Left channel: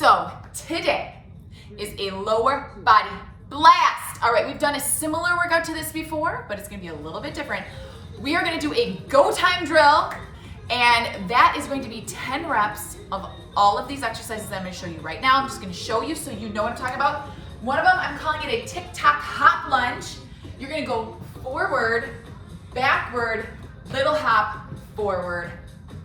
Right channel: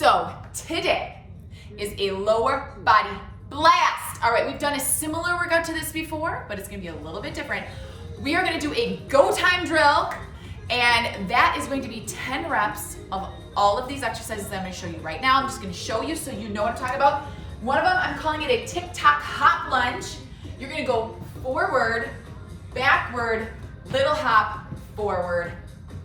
So today is a lower body blast. All right, we've done a similar workout to this before, but it's gonna be a little bit different. We are gonna do a go time drill, and that is going to be 10 reps of all of these exercises that I'm gonna show you right now. I'm just gonna show you so you know what I'm talking about. One of them, I'm calling it a tick-tock hop lunge. You're gonna go forward, backward, little hop, forward,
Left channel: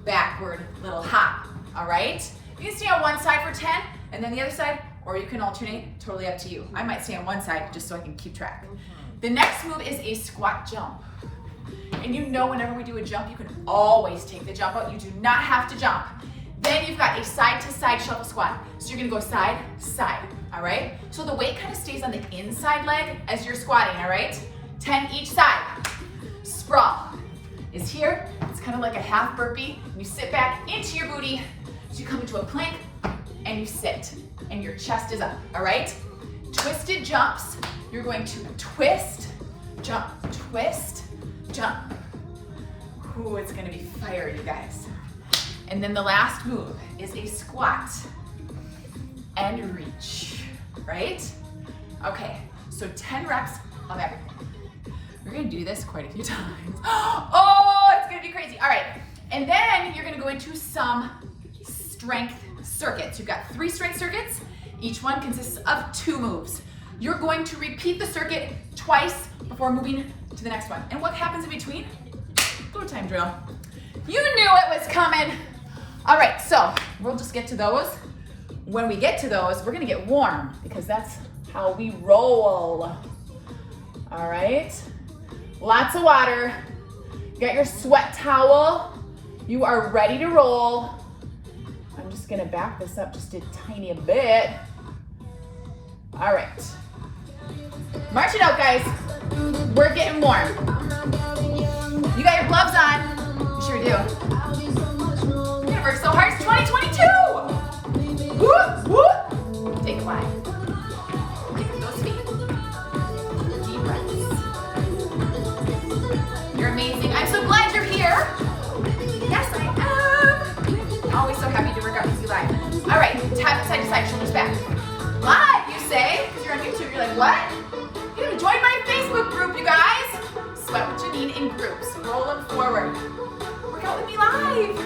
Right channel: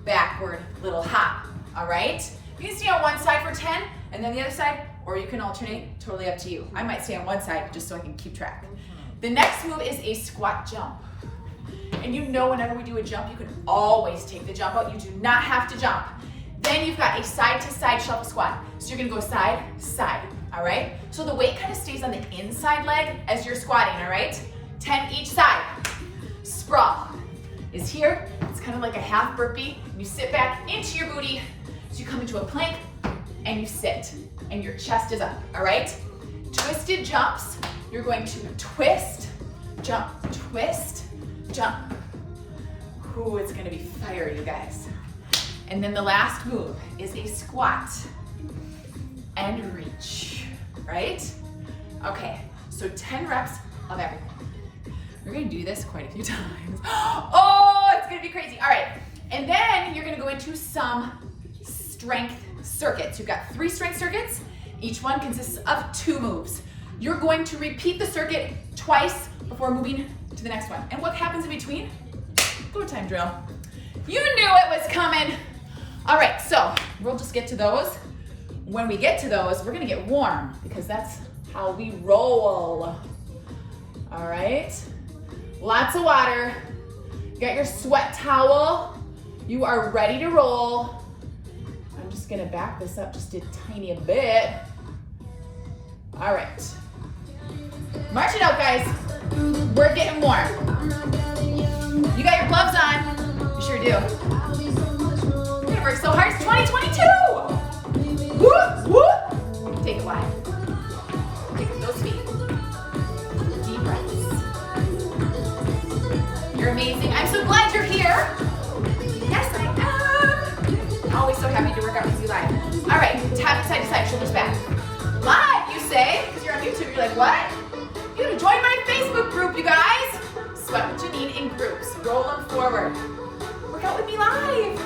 backward, little hop, all right? You can stay on one side for 10 and then the other side, or you can alternate, totally up to you. I might stay on one side just so I can keep track. The next move is a squat jump. And you know whenever we do a jump, you can always take the jump out. You do not have to jump. Then you've got a side to side shuffle squat. So you're gonna go side, side, all right? So the weight kind of stays on the inside leg as you're squatting, all right? 10 each side. Sprawl is here. It's kind of like a half burpee. You sit back into your booty. So you come into a plank and you sit and your chest is up, all right? Twisted jumps. You're going to twist, jump, twist, jump. Ooh, it's gonna be fire, you guys. And then the last move is a squat and reach, right? Okay, so 10 reps of everything. We're gonna do this quite a few times. Oh, it's gonna be crazy. All right, and then you're gonna go into some strength circuits. You've got 3 strength circuits. Each one consists of 2 moves. You're going to repeat the circuit twice before moving to the next one. And what happens in between? Go time drill. You knew it was coming. All right, so we'll just get to those. When we get to those, we're gonna get warm because that's how we roll. All right, lots of water. You got your sweat towel. You are ready to roll. I'm just gonna back this up just a tiny bit. All right, march it out, guys. We're getting warm. You got your gloves on. You sure do. We're gonna work so hard. It's 2022. Whoop, whoop. Take a line. Kick with those feet. Deep breaths. You're amazing. I'm so glad you're here. Yes, I am. Always so happy to work out with you live. All right, tap it side to side, shoulders back. Live, you say, because you're on YouTube. You're like, what? You gotta join my Facebook group, you guys. Sweat with Janine in groups. Roll them forward. Work out with me live.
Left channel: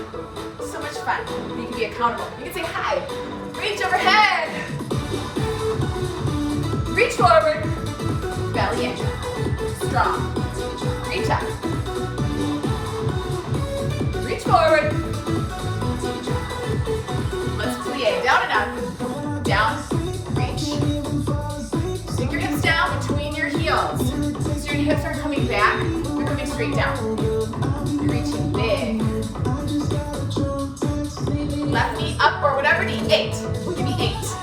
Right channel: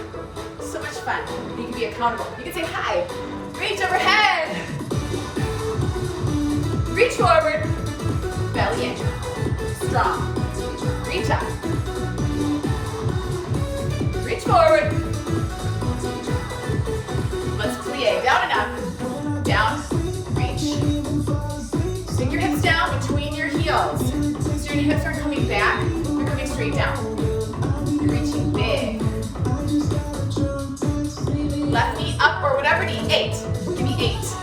So much fun. You can be accountable. You can say hi. Reach overhead. Reach forward. Belly in. Strong. Reach up. Reach forward. Let's plie. Down and up. Down. Reach. Swing your hips down between your heels. So your hips aren't coming back. They're coming straight down. You're reaching big. Left knee up or whatever knee. 8. Give me 8.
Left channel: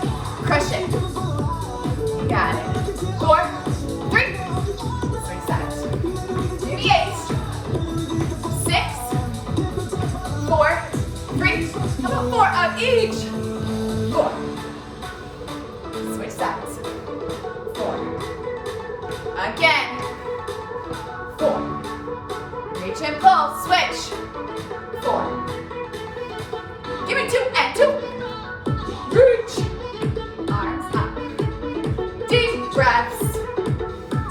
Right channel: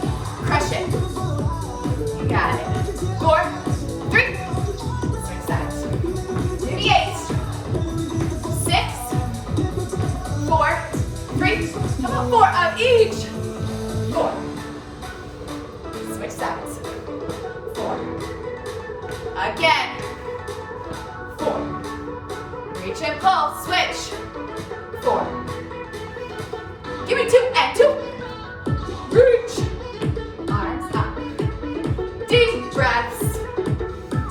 Crush it. You got it. 4, 3. Swing sides. Give me 8. 6, 4, 3. How about 4 of each? 4. Switch sides. 4. Again. 4. Reach and pull. Switch. 4. Give me 2 and 2. Reach. Arms up. Deep breaths.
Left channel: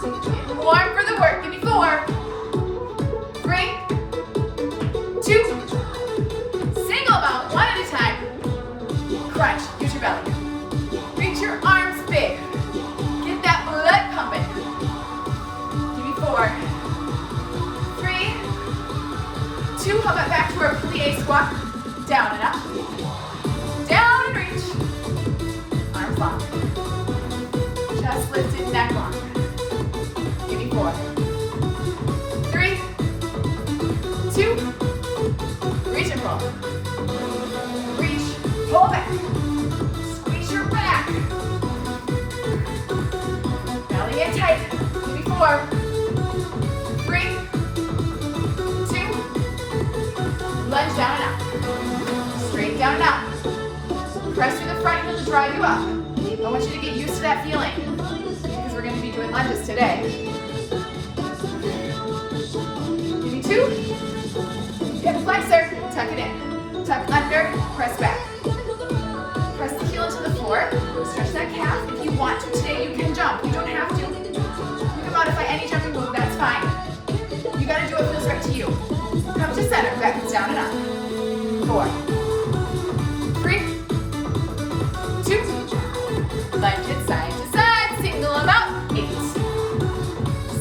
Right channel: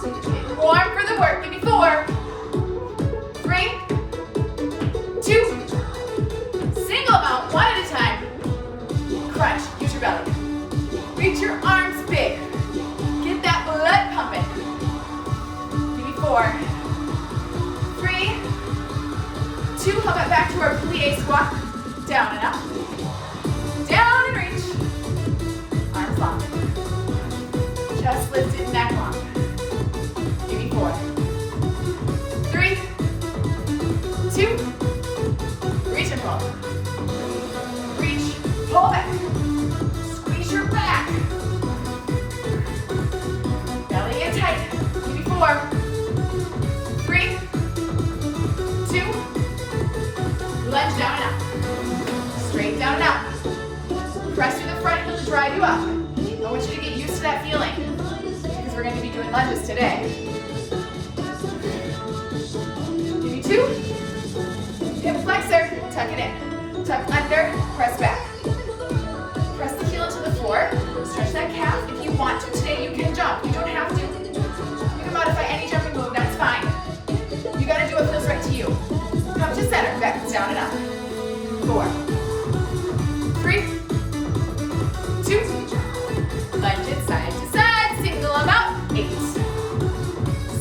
Getting warm for the work. Give me 4. 3, 2. Single mount, one at a time. Crunch. Use your belly. Reach your arms big. Get that blood pumping. Give me 4. 3, 2. How about back to our plie squat? Down and up. Down and reach. Arms long. Chest lifted, neck long. Give me 4. 3, 2. Reach and pull. Reach. Pull back. Squeeze your back. Belly in tight. Give me 4. 3, 2. Lunge down and up. Straight down and up. Press through the front heel to drive you up. I want you to get used to that feeling because we're going to be doing lunges today. Give me 2. Hip flexor. Tuck it in. Tuck under. Press back. Press the heel into the down and up. 4, 3, 2, lunge it side to side, single them out. 8,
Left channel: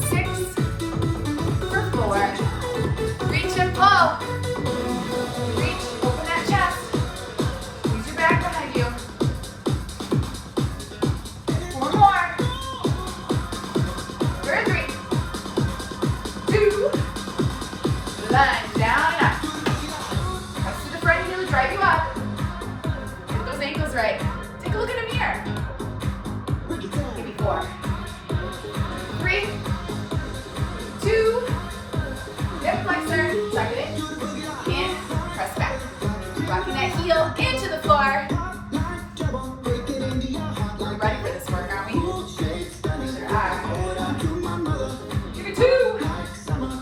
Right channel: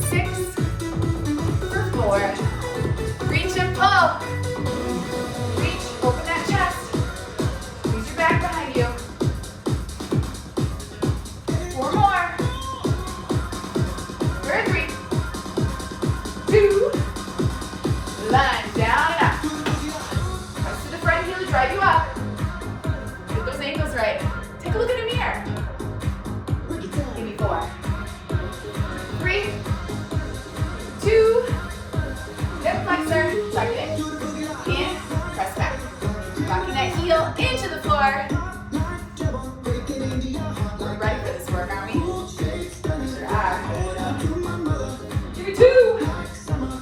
6, for 4, reach and pull. Reach, open that chest. Use your back behind you. 4 more. For 3, 2, lunge down and up. Press to the front heel to drive you up. Get those ankles right. Take a look in a mirror. Give me 4, 3, 2, hip flexor, tuck it in, press back. Rocking that heel into the floor. We're ready for this work, aren't we? We sure are. Give me 2.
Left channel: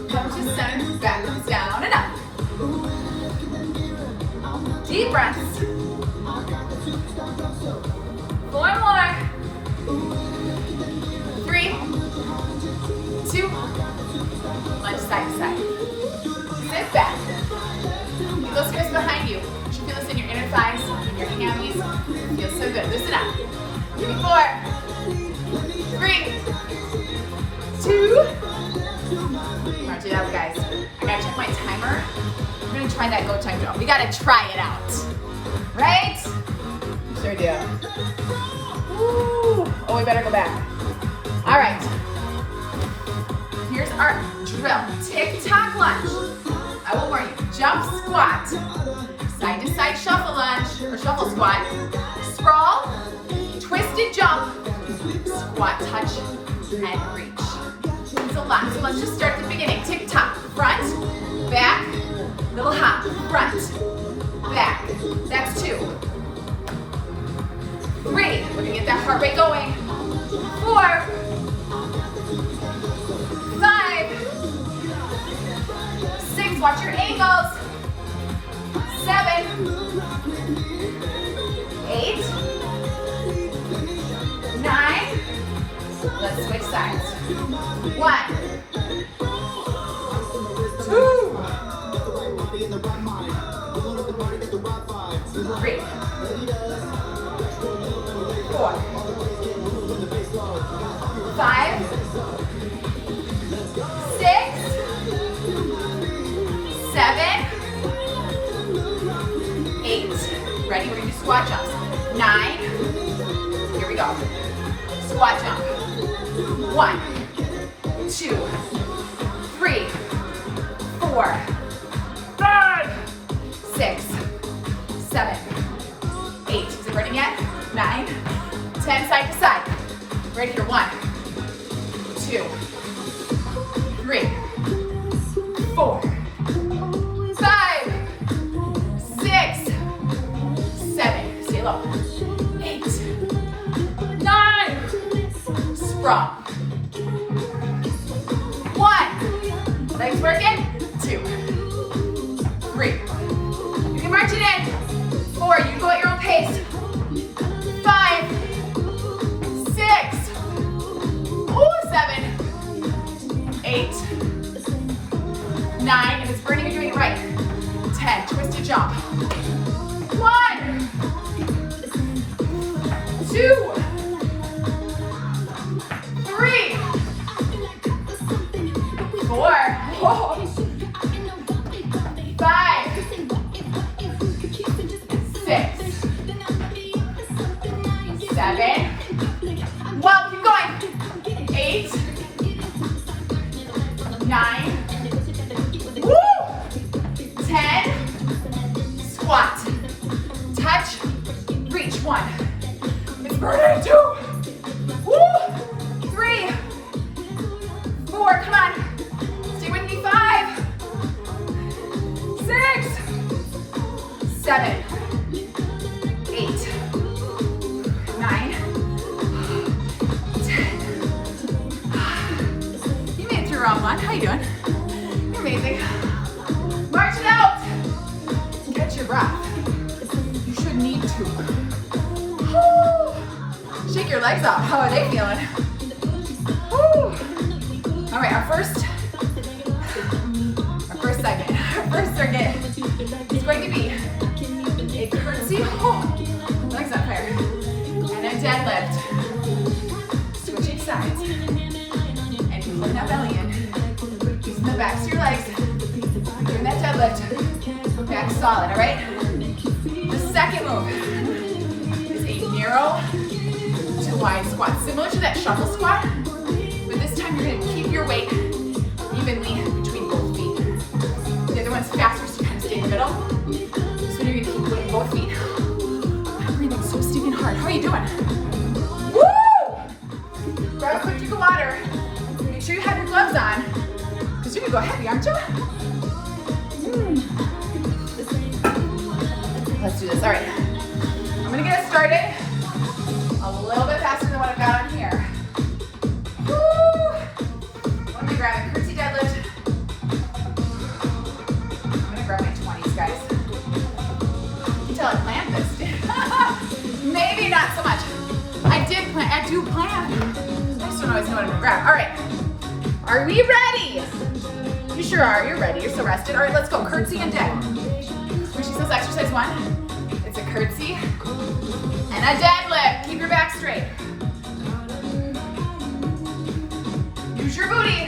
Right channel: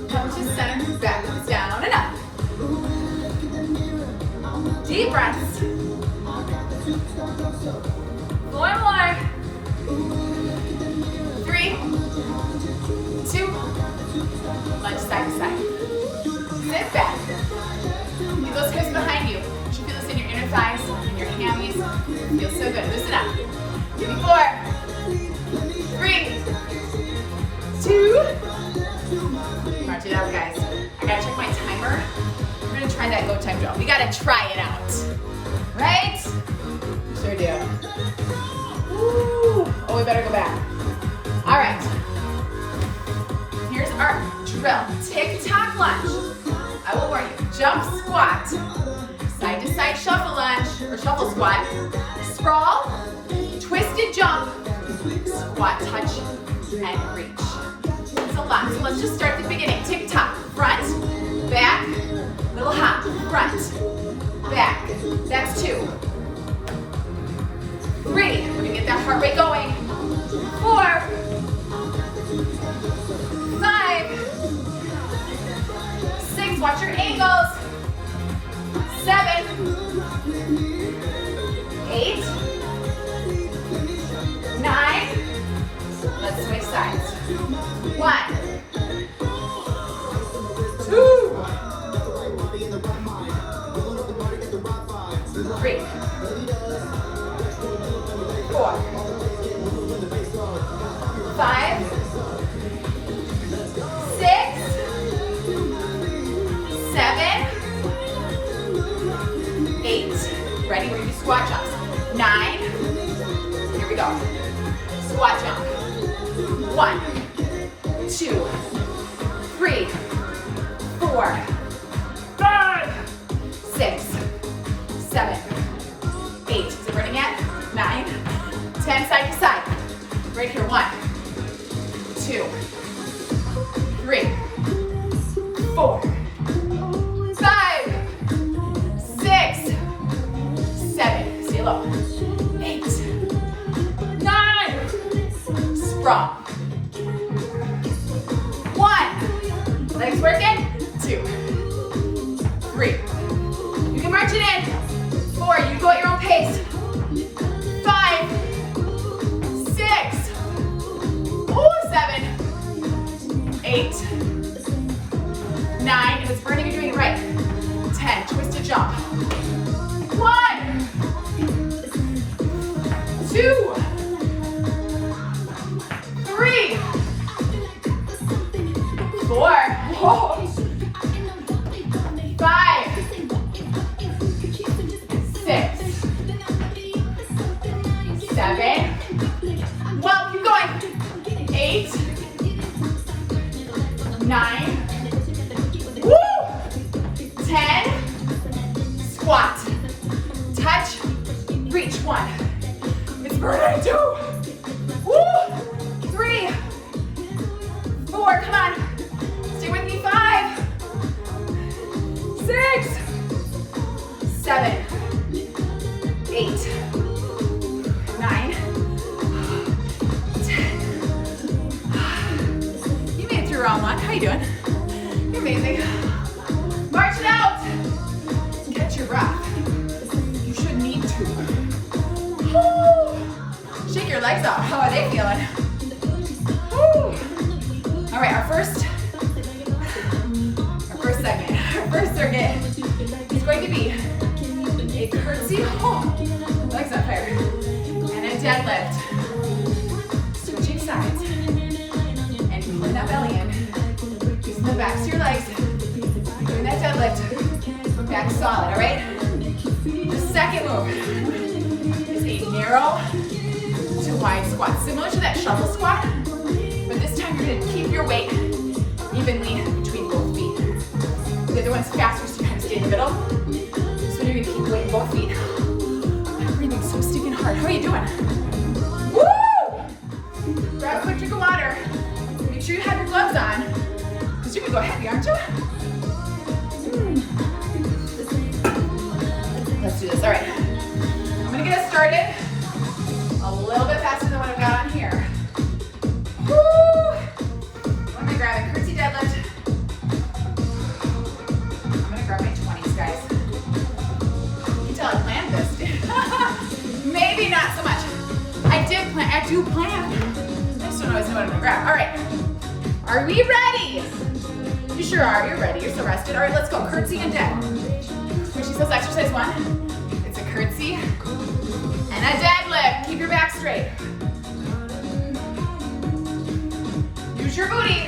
Come to center, back, down and up. Deep breaths. 4 more. 3, 2, lunge side to side. Sit back. Feel those hips behind you. You should feel this in your inner thighs, in your hammies. Feels so good. Loosen up. Give me 4, 3, 2. March it out, guys. I gotta check my timer. We're gonna try that go time drill. We gotta try it out. Right? Sure do. Ooh. Oh, we better go back. All right. Here's our drill. Tick-tock lunge. I will warn you. Jump squat. Side to side shuffle lunge or shuffle squat. Sprawl. Twisted jump. Squat touch and reach. It's a lot. So let's just start at the beginning. Tick-tock. Front, back, little hop. Front, back. That's 2. 3. We're gonna get that heart rate going. 4, 5, 6. Watch your ankles. 7, 8, 9. Let's switch sides. 1, 2, 3, 4, 5, 6, 7, 8. Ready? We're gonna do squat jumps. 9. Here we go. Squat jump. 1, 2, 3, 4, 5, 6, 7, 8. Is it burning yet? 9, 10. Side to side. Right here. 1, 2, 3, 4, 5, 6, 7. Stay low. 8, 9. Sprawl. 1. Legs working. 2, 3. You can march it in. 4. You go at your own pace. 5, 6. Ooh, 7, 8, 9. If it's burning, you're doing it right. 10. Twisted jump. 1, 2, 3, 4. Whoa. 5, 6, 7. Well, keep going. 8, 9. Woo! 10. Squat. Touch. Reach. 1. It's burning. 2. Woo! 3. 4. Come on. Stay with me. 5. 6. 7. 8. 9. 10. You made it through round 1. How you doing? You're amazing. March it out. Catch your breath. You should need to. Woo. Shake your legs out. How are they feeling? Woo. All right, our first circuit is going to be a curtsy, oh, my leg's on fire, and a deadlift. Switching sides, and pulling that belly in, using the backs of your legs, doing that deadlift, back solid, all right? The second move is a narrow to wide squat, similar to that shuffle squat, but this time you're gonna keep your weight evenly between both feet. The other one's faster, so you kind of stay in the middle. So you're gonna keep weight in both feet. I'm breathing so stinking hard. How are you doing? Woo! Grab a quick drink of water. Make sure you have your gloves on, because you're gonna go heavy, aren't you? Let's do this, all right. I'm gonna get us started a little bit faster than what I've got on here. Woo! Let me grab a curtsy deadlift. I'm gonna grab my 20s, guys. You can tell I planned this. Maybe not so much. I do plan. I just don't always know what I'm gonna grab. All right, are we ready? You sure are, you're ready, you're so rested. All right, let's go, curtsy and dead. When she says exercise 1, it's a curtsy and a deadlift. Keep your back straight. Use your booty.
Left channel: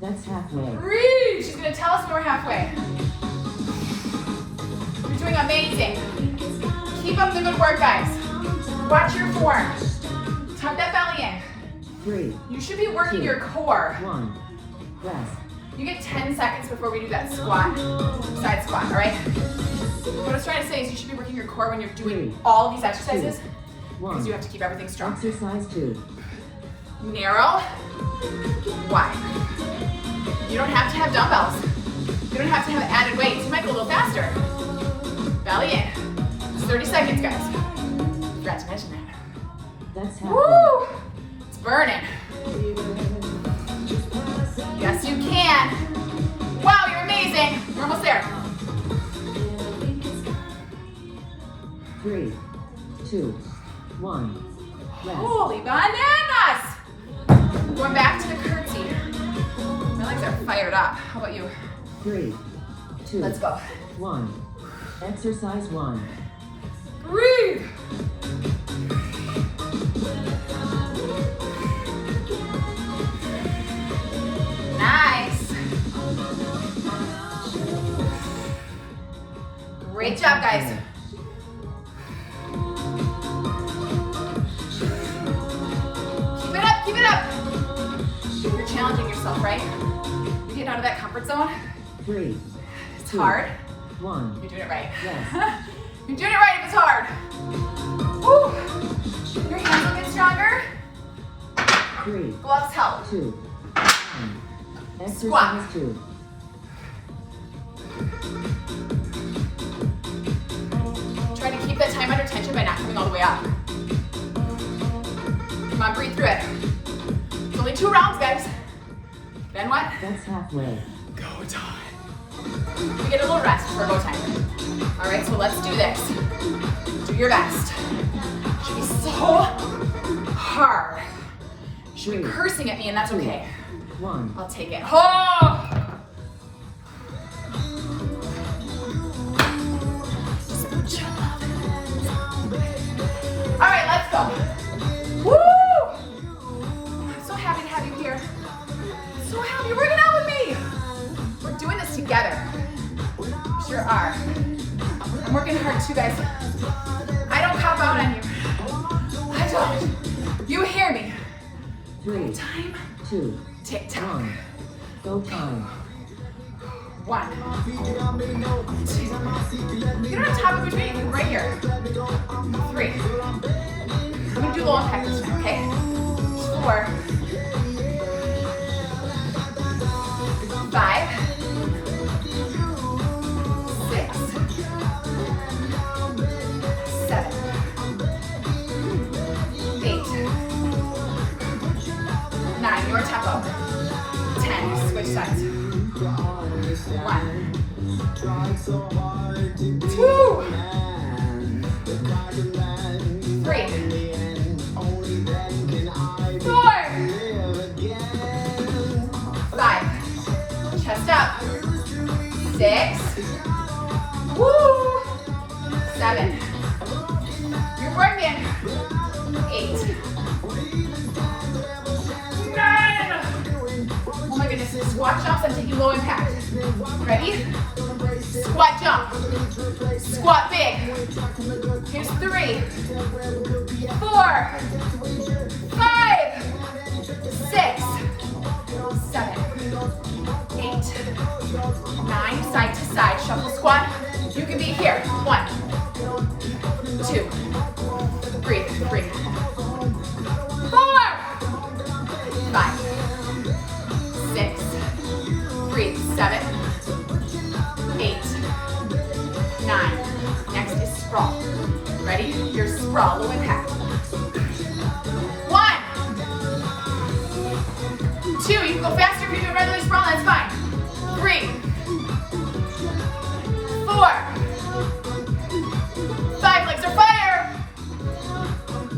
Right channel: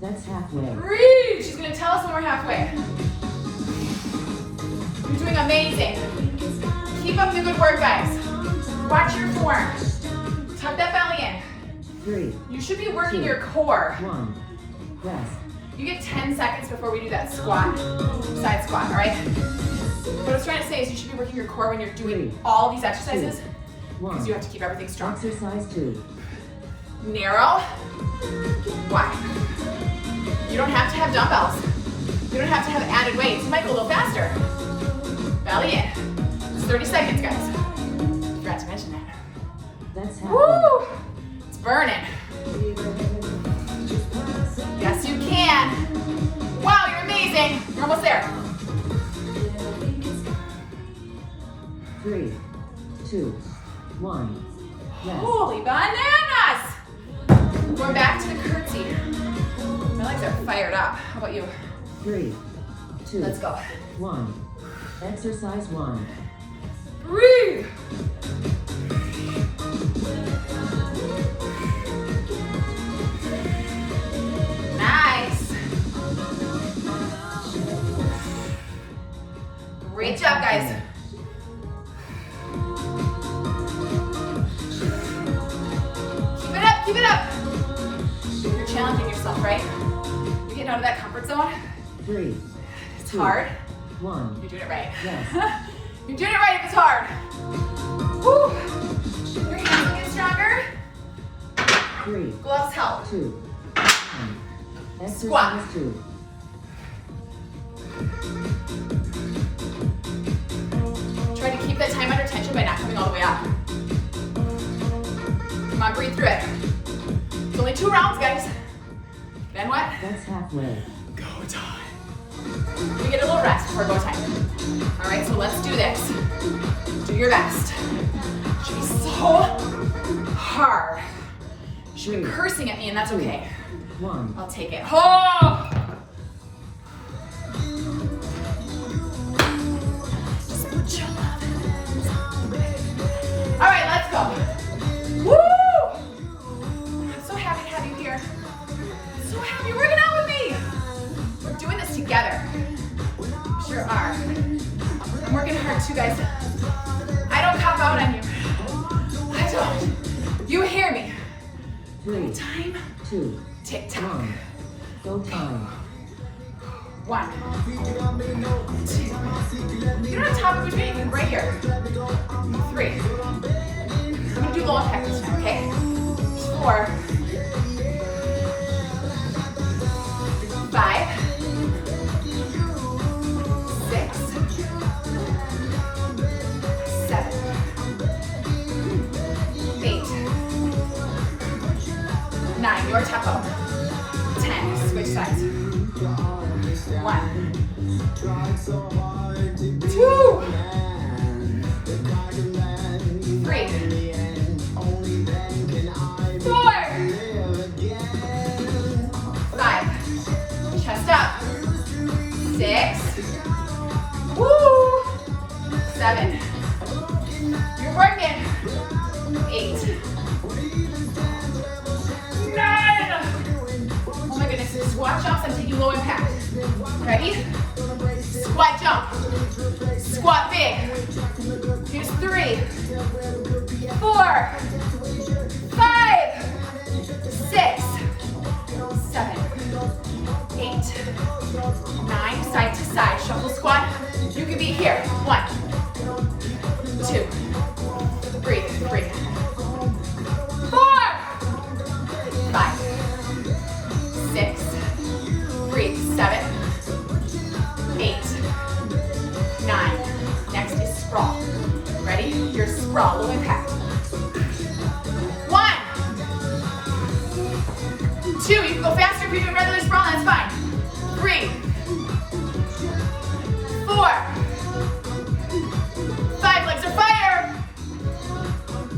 That's halfway. Breathe. She's gonna tell us when we're halfway. You're doing amazing. Keep up the good work, guys. Watch your form. Tuck that belly in. 3. You should be working your core. 1. Rest. You get 10 seconds before we do that squat, side squat, all right? What I was trying to say is you should be working your core when you're doing all of these exercises, because you have to keep everything strong. Exercise 2. Narrow, wide. You don't have to have dumbbells. You don't have to have added weights. You might go a little faster. Belly in. It's 30 seconds, guys. Forgot to mention that. That's halfway. Woo! It's burning. Yes, you can. Wow, you're amazing. You're almost there. 3, 2, 1. Yes. Holy bananas! Going back to the curtsy. My legs are fired up. How about you? 3, 2. Let's go. 1. Exercise 1. Breathe. Nice. Great job, guys. Keep it up, keep it up. You're challenging yourself, right? You get out of that comfort zone. 3. It's 2, hard. 1. You're doing it right. Yes. You're doing it right if it's hard. Woo. Your hands will get stronger. 3, Gloves help. 2, 1. Exercise Squat. 2. Try to keep that time under tension by not coming all the way up. Come on, breathe through it. It's only 2 rounds, guys. Then what? That's halfway. Go time. We get a little rest for go time. All right, so let's do this. Do your best. It should be so hard. You should be cursing at me, and that's okay. 1. I'll take it. Oh! Just put your love in it. All right, let's go. Woo! I'm so happy to have you here. So happy you're working out with me. We're doing this together. Sure are. I'm working hard too, guys. I don't cop out on you. I don't. You hear me. 3, Time. 2, Tick-tock. 1. Go time. 1, 2. You don't have to top it between. You can right here. 3. I'm gonna do low impact this time, okay? 4, 5, 6, 7, 8, 9. Your tempo. 10. Switch sides. 1, 2, 3, 4, 5. Chest up. 6. Woo! 7. You're working. 8. 9. Oh my goodness, squat jumps, I'm taking low impact. Ready? Squat jump. Squat big. Here's 3, 4, 5, 6, 7, 8, 9, side to side, shuffle squat. You can be here. 1, 2, breathe, 4, 5, 6, breathe, 7, 8, 9. Next is sprawl. Ready? Here's sprawl, low impact. 1, 2, you can go faster if you're doing regular sprawl, that's fine. 3, 4, 5, legs are fire.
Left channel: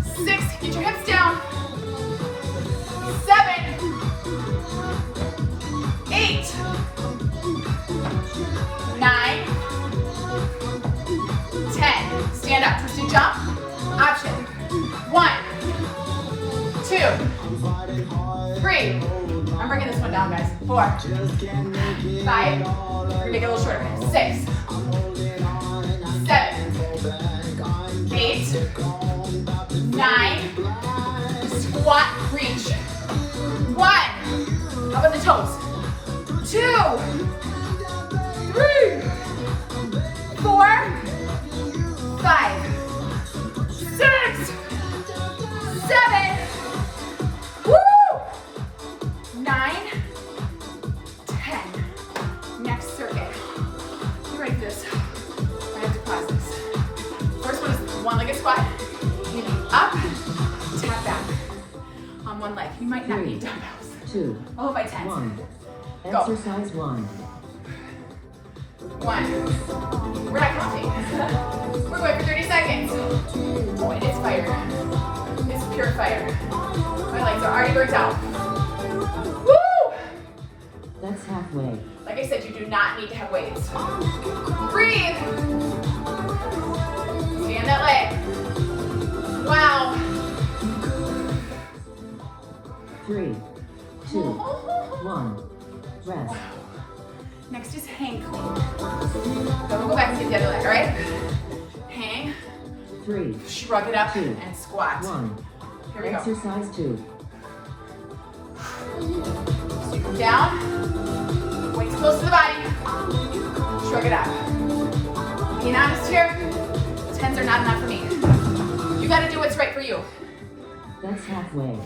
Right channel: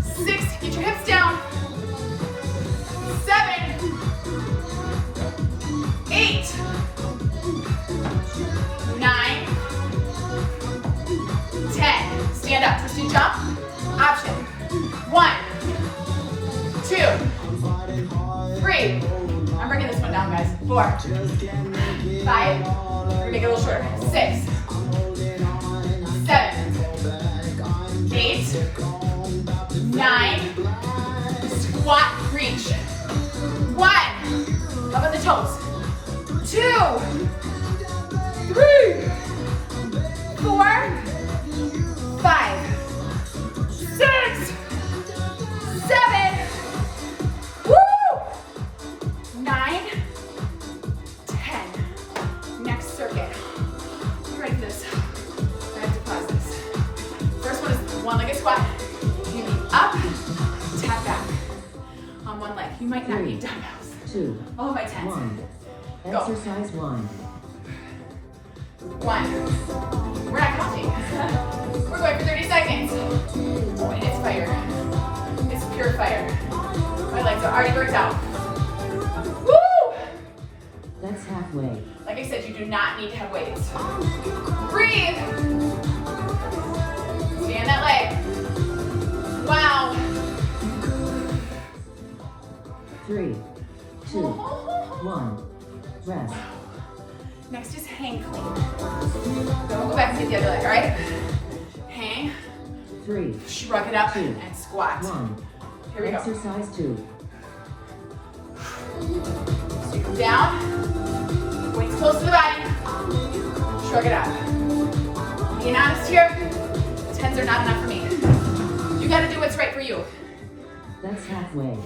6, get your hips down. 7, 8, 9, 10. Stand up, twisted jump. Option. 1, 2, 3. I'm bringing this one down, guys. 4, 5. We're gonna make it a little shorter. 6, 7, 8, 9. Squat, reach. 1. Up on the toes. 2, 3, 4, 5, 6, 7. Woo! 9, 10. Next circuit. You ready for this? I have to pause this. First one is one-legged squat. You need up, tap back on one leg. You might not need dumbbells. 2. All by 10. 1. Go. Exercise 1. 1. We're not counting. We're going for 30 seconds. Oh, and it's fire. It's pure fire. My legs are already worked out. Woo! That's halfway. Like I said, you do not need to have weights. Breathe. Stand that leg. Wow. 3, 2, 1. Rest. Wow. Next is hang clean. Then we'll go back and get the other leg, all right? Hang. 3, Shrug it up 2, and squat. 1. Here we go. Exercise 2. So you come down, weights close to the body, shrug it out. Being honest here, 10s are not enough for me. You gotta do what's right for you. That's halfway.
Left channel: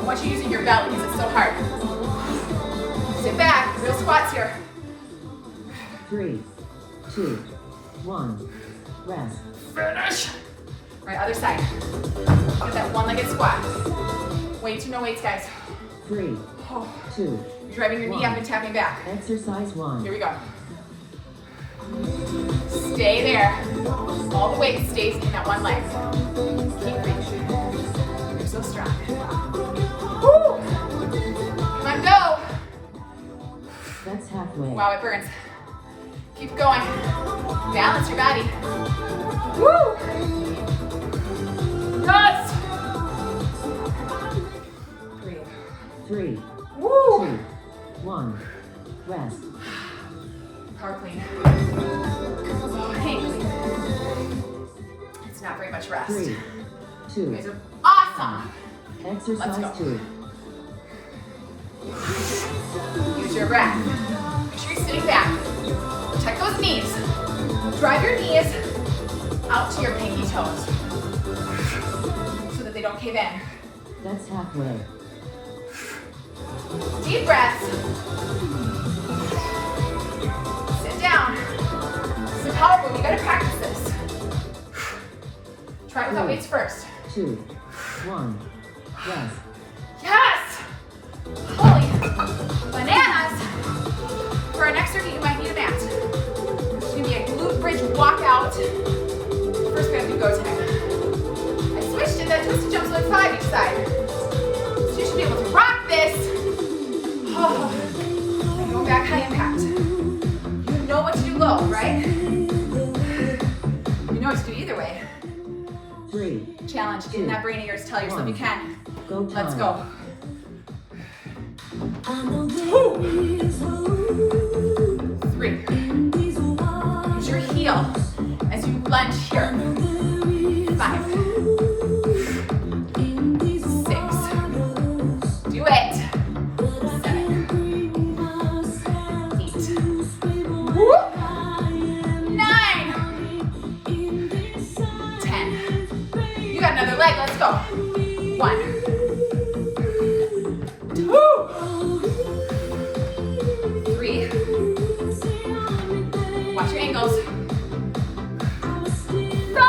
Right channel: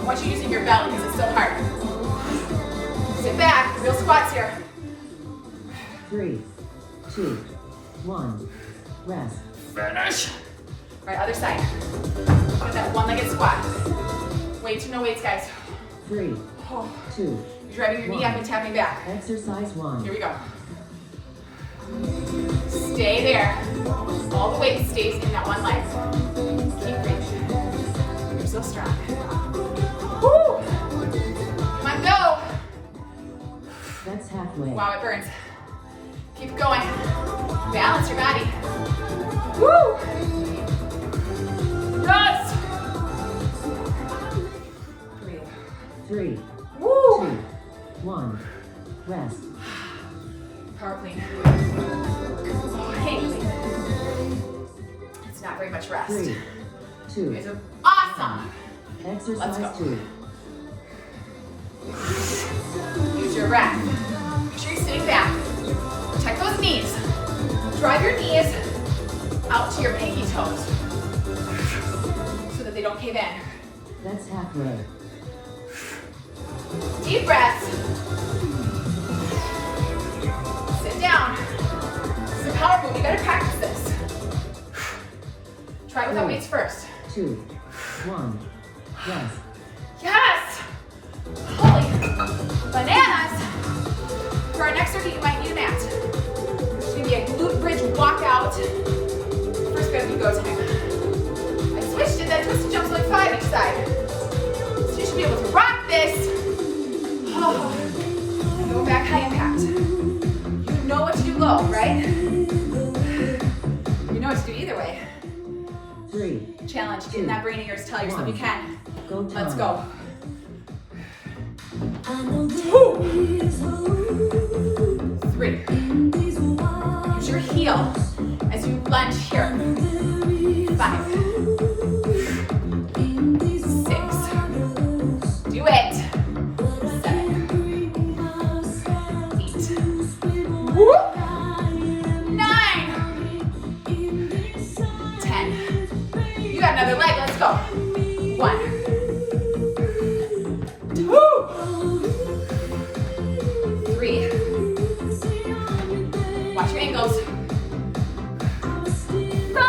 I want you using your belly because it's so hard. Sit back, real squats here. 3, 2, 1. Rest. Finish. All right, other side. Get that one-legged squat. Weight to no weights, guys. 3, Oh. 2. You're driving your knee up and tapping back. Exercise 1. Here we go. Stay there. All the weight stays in that one leg. Keep breathing. You're so strong. Woo! Come on, go. That's halfway. Wow, it burns. Keep going. Balance your body. Woo! Yes! Breathe. 3, Woo! 2, 1. Rest. Power clean. Hang clean. It's not very much rest. 3, 2. You guys are awesome. Exercise Let's go. 2. Use your breath. Make sure you're sitting back. Protect those knees. Drive your knees out to your pinky toes so that they don't cave in. That's halfway. Deep breaths. Sit down. This is a power move. You gotta practice this. Try it without weights first. 2, 1. Rest. Yes! Holy bananas! For our next circuit, you might need a mat. It's gonna be a glute bridge walkout. First, we have to do go time. I switched it, that twisted jump's like 5 each side. So you should be able to rock this Oh. And going back high impact. You know what to do low, right? You know what to do either way. 3. Challenge, get in that brain of yours, tell yourself you can. Let's go. 2. 3. Use your heel as you lunge here. 5. 6. Do it. 7. 8. Whoop. 9. 10. You got another leg, let's go. 1. 2. 3. Watch your ankles. 5.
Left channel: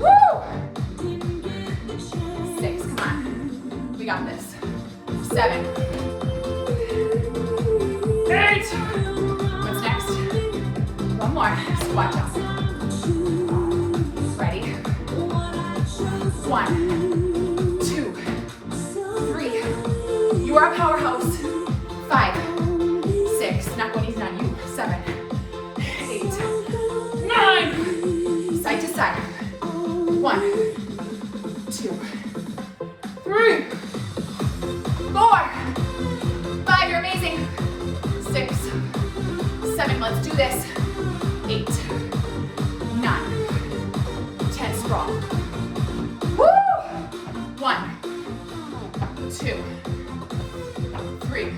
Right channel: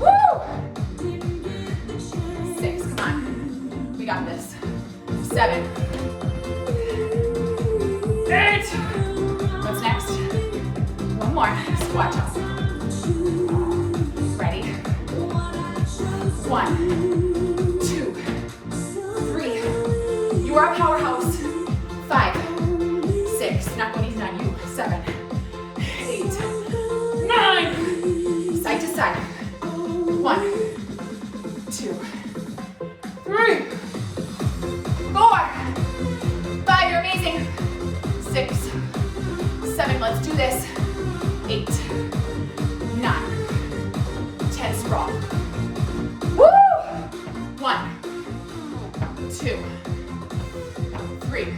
Woo! 6, come on. We got this. 7. 8. What's next? One more. Squat jump. Ready? 1, 2, 3. You are a powerhouse. 5, 6. Not going easy on you. 7, 8, 9. Side to side. 1, 2, 3, 4, 5. You're amazing. 6, 7. Let's do this. 8, 9, 10. Sprawl. Woo! 1, 2, 3,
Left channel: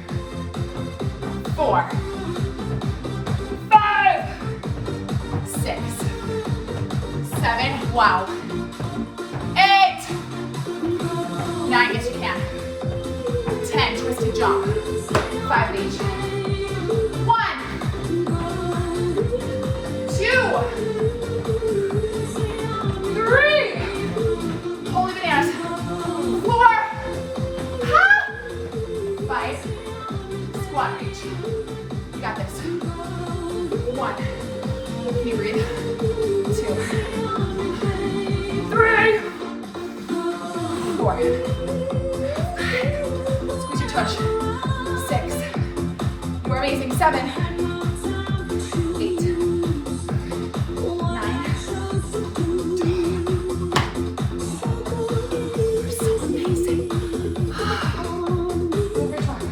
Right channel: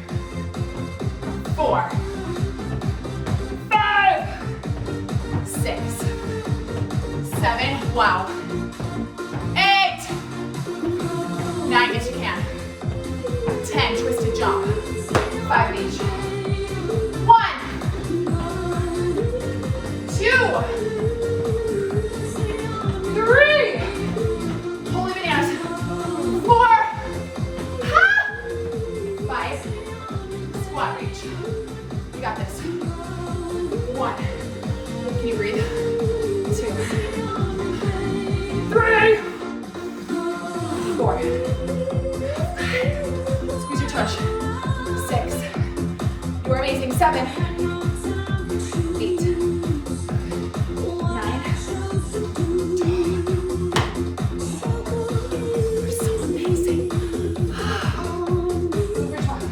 4, 5, 6, 7. Wow. 8, 9. Yes, you can. 10. Twisted jump. 5 each. 1, 2, 3. Holy bananas. 4. Ha! 5. Squat reach. You got this. 1. Can you breathe? 2. 3. 4. 5. Squeeze your tush. 6. You are amazing. 7. 8. 9. You're so amazing. Move your tongue.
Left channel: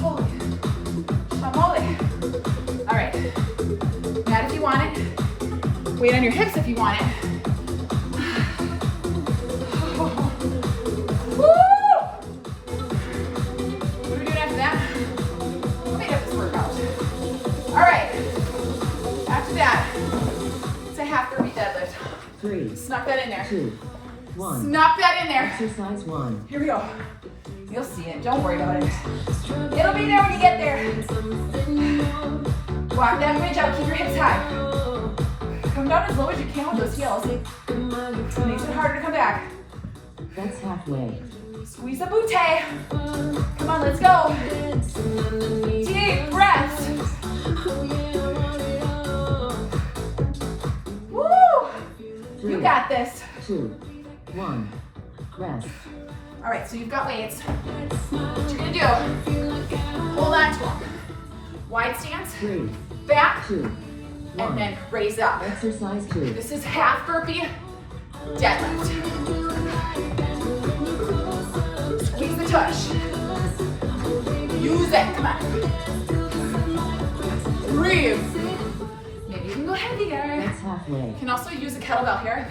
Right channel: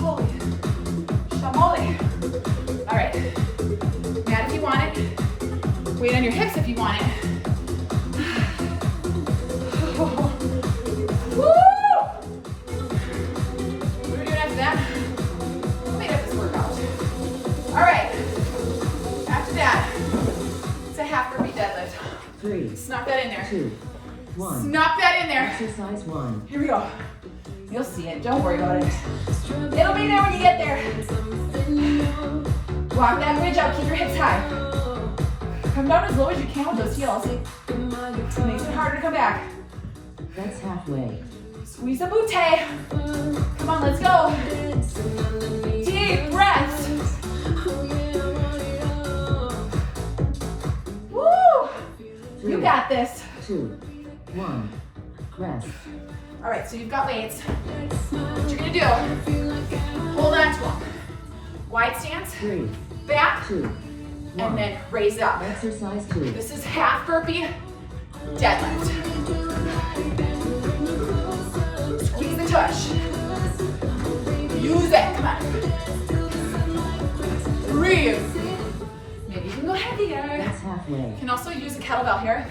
Holy. Shamole. All right. Mat if you want it. Weight on your hips if you want it. Woo! What are we doing after that? We'll meet up this workout. All right. After that, it's a half burpee deadlift. 3. Snuck that in there. 2. 1. Snuck that in there. Exercise 1. Here we go. You'll see it. Don't worry about it. It'll be there when you get there. Walk that bridge out. Keep your hips high. Come down as low as you can with those heels. It makes it harder to come back. That's halfway. Squeeze the booty. Come on, let's go. Deep breaths. Woo! You got this. 2. 1. Rest. All right, so you've got weights. What you're gonna do, hold on to them. Wide stance, 3. back, 2. 1. and then raise up. Exercise 2. This is half burpee deadlift. Squeeze the tush. Use it, come on. Breathe. Maybe you can go heavier. That's halfway. You can also use a kettlebell here,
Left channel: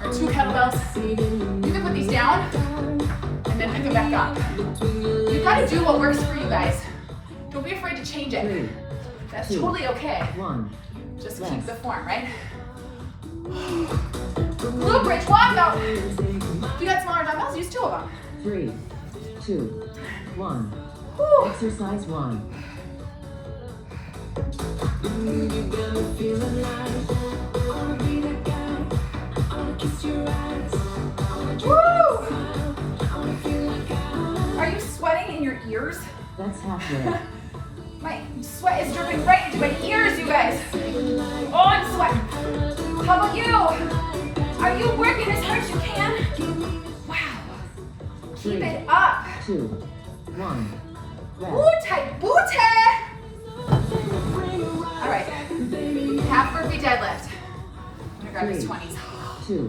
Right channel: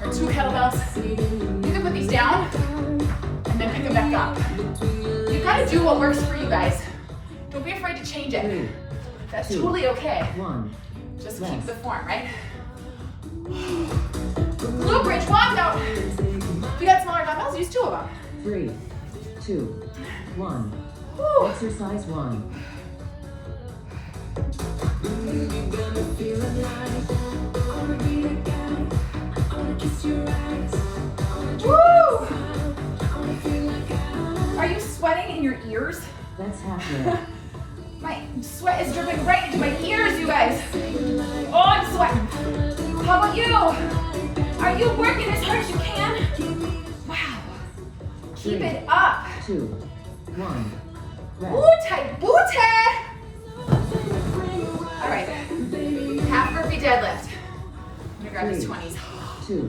or 2 kettlebells. You can put these down and then pick them back up. You've got to do what works for you guys. Don't be afraid to change it. That's totally okay. 1. Just keep the form, right? Glute bridge, walkout. If you got smaller dumbbells, use 2 of them. 3. 2. 1. Whew. Exercise 1. Woo! Are you sweating in your ears? That's halfway. My sweat is dripping right into my ears, you guys. Oh, I'm sweating. How about you? Are you working as hard as you can? Wow. Keep it up. 2. 2, 1. Rest. Booty, booty. All right, half burpee deadlift. I'm gonna grab these 20s. 2,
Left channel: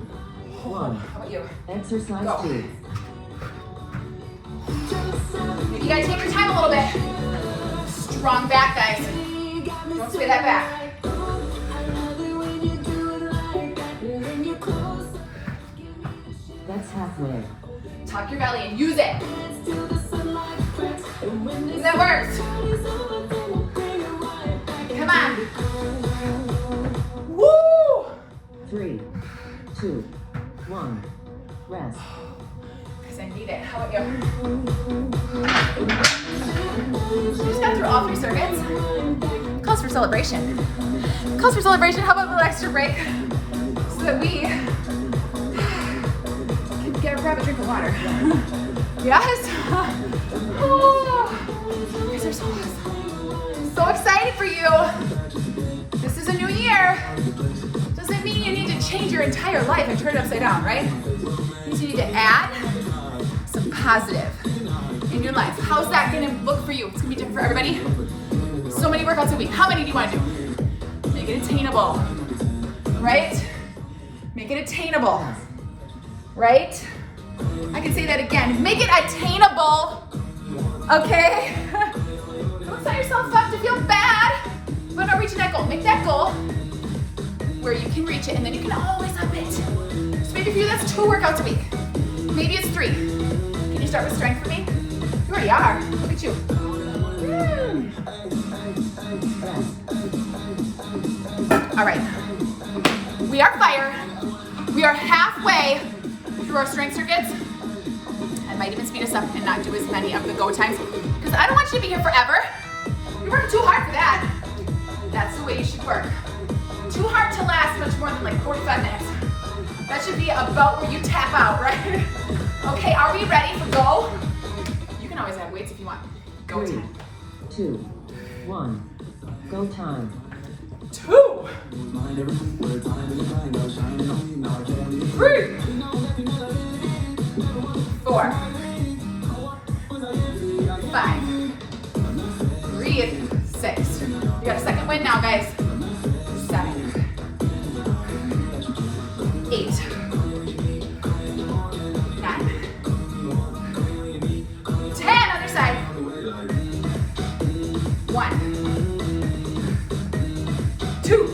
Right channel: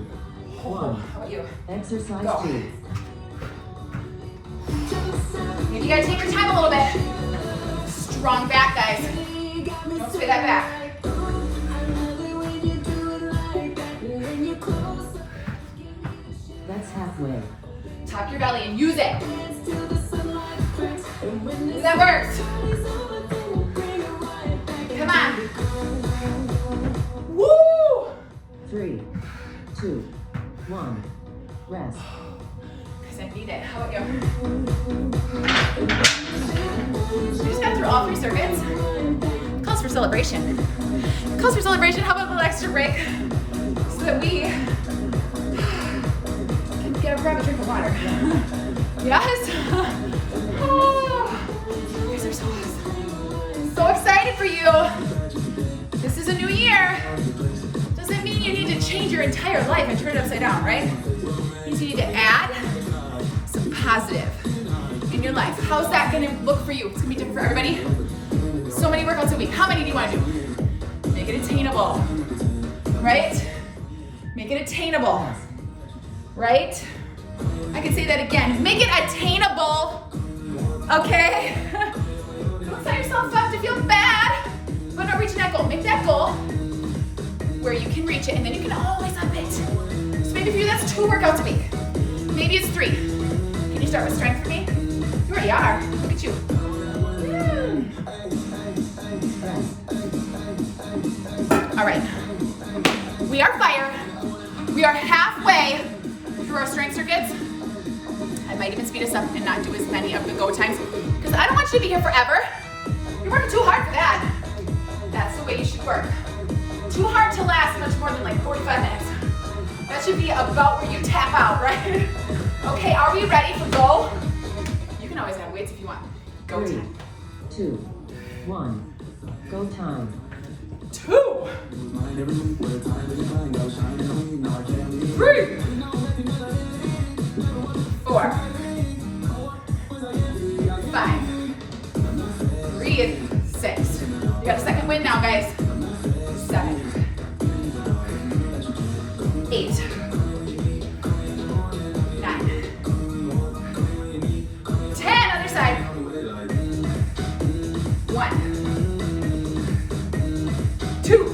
1. How about you? Exercise Go. 2. Maybe you gotta take your time a little bit. Strong back, guys. Don't sway that back. That's halfway. Tuck your belly and use it. That works. Come on. Woo! 3, 2, 1. Rest. Because I need it. How about you? We just got through all 3 circuits. Calls for celebration. Calls for celebration. How about a little extra break? So that we can grab a drink of water. Yes? Oh, you guys are so awesome. So excited for you. This is a new year. Doesn't mean you need to change your entire life and turn it upside down, right? It means you need to add some positive in your life. How's that gonna look for you? It's gonna be different for everybody. So many workouts a week. How many do you wanna do? Make it attainable, right? Make it attainable, right? I can say that again. Make it attainable, okay? Don't set yourself up to feel bad, but not reaching that goal. Make that goal where you can reach it, and then you can always up it. So maybe for you, that's 2 workouts a week. Maybe it's 3. Can you start with strength for me? You already are. Look at you. All right. We are fire. We are halfway through our strength circuits. I might even speed us up and not do as many of the go times because I don't want you to be here forever. You're working too hard for that. That's the way you should work. Too hard to last much more than like 45 minutes. That should be about where you tap out, right? Okay, are we ready for go? You can always have weights if you want. Go 3, time. 2, 1. Go time. 2, 3, 4, 5. Breathe. 6. You got a second wind now, guys. 7, 8, 9, 10. Other side. 1, 2,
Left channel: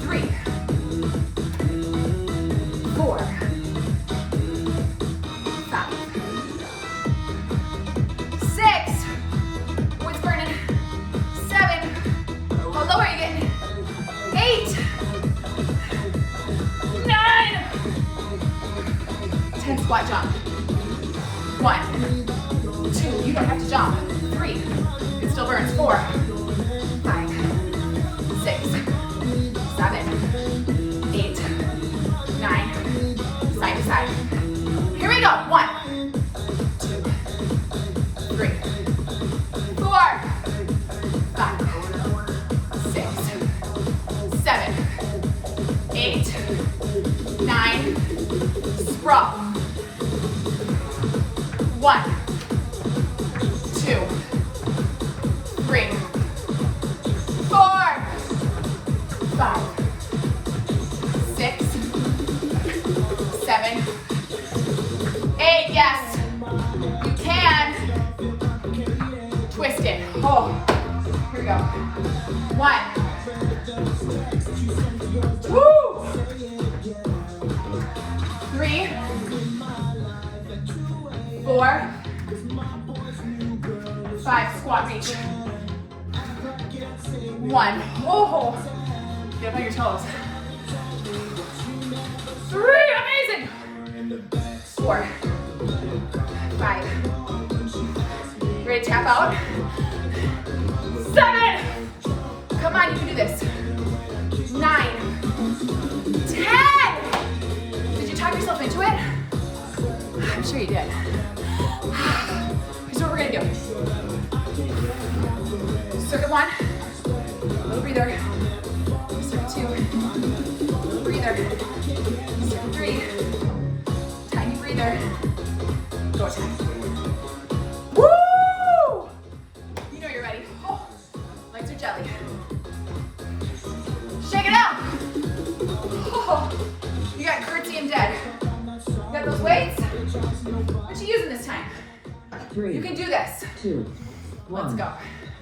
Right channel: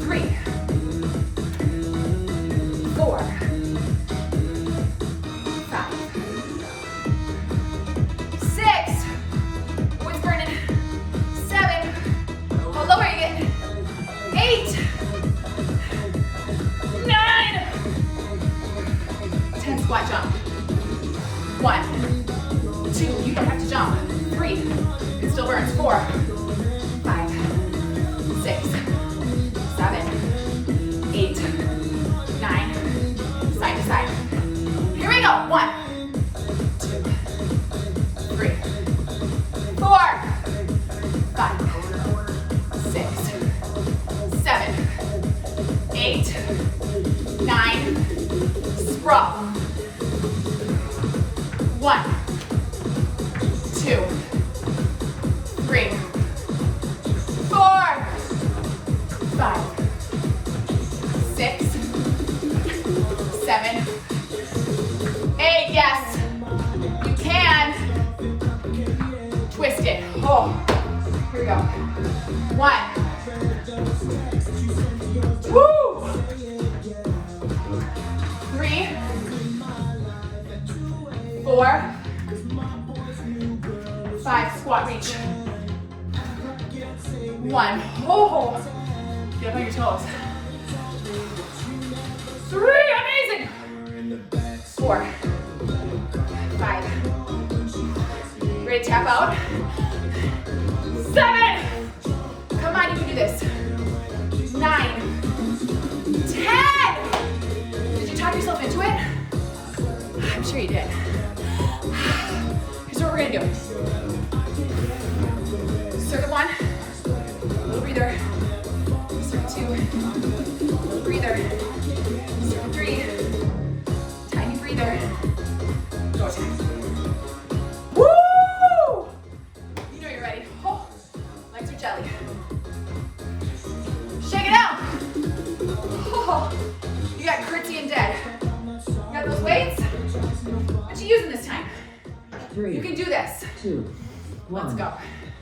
3, 4, 5, 6. Wood's burning. 7. How low are you getting? 8, 9. 10 squat jump. 1, 2. You don't have to jump. 3. It still burns. 4, 5, 6, 7, 8, 9. Side to side. Here we go. 1, 2, 3, 4, 5, 6, 7, 8, 9. Sprawl. 1, 2, 3, 4, 5, 6, 7, 8. Yes, you can. Twist it. Oh, here we go. 1. Woo! 3, 4, 5. Squat reach. 1. Oh, get up on your toes. 3. Amazing. 4, 5. Ready to tap out? 7. Come on, you can do this. 9, 10. Did you talk yourself into it? I'm sure you did. Here's what we're gonna do. Circuit 1, little breather. Circuit 2, little breather. Circuit 3, tiny breather. go time. Woo! You know you're ready. Oh, legs are jelly. Shake it out. Oh, you got curtsy and dead. You got those weights? What you using this time? 3. You can do this. 2. 1. Let's go.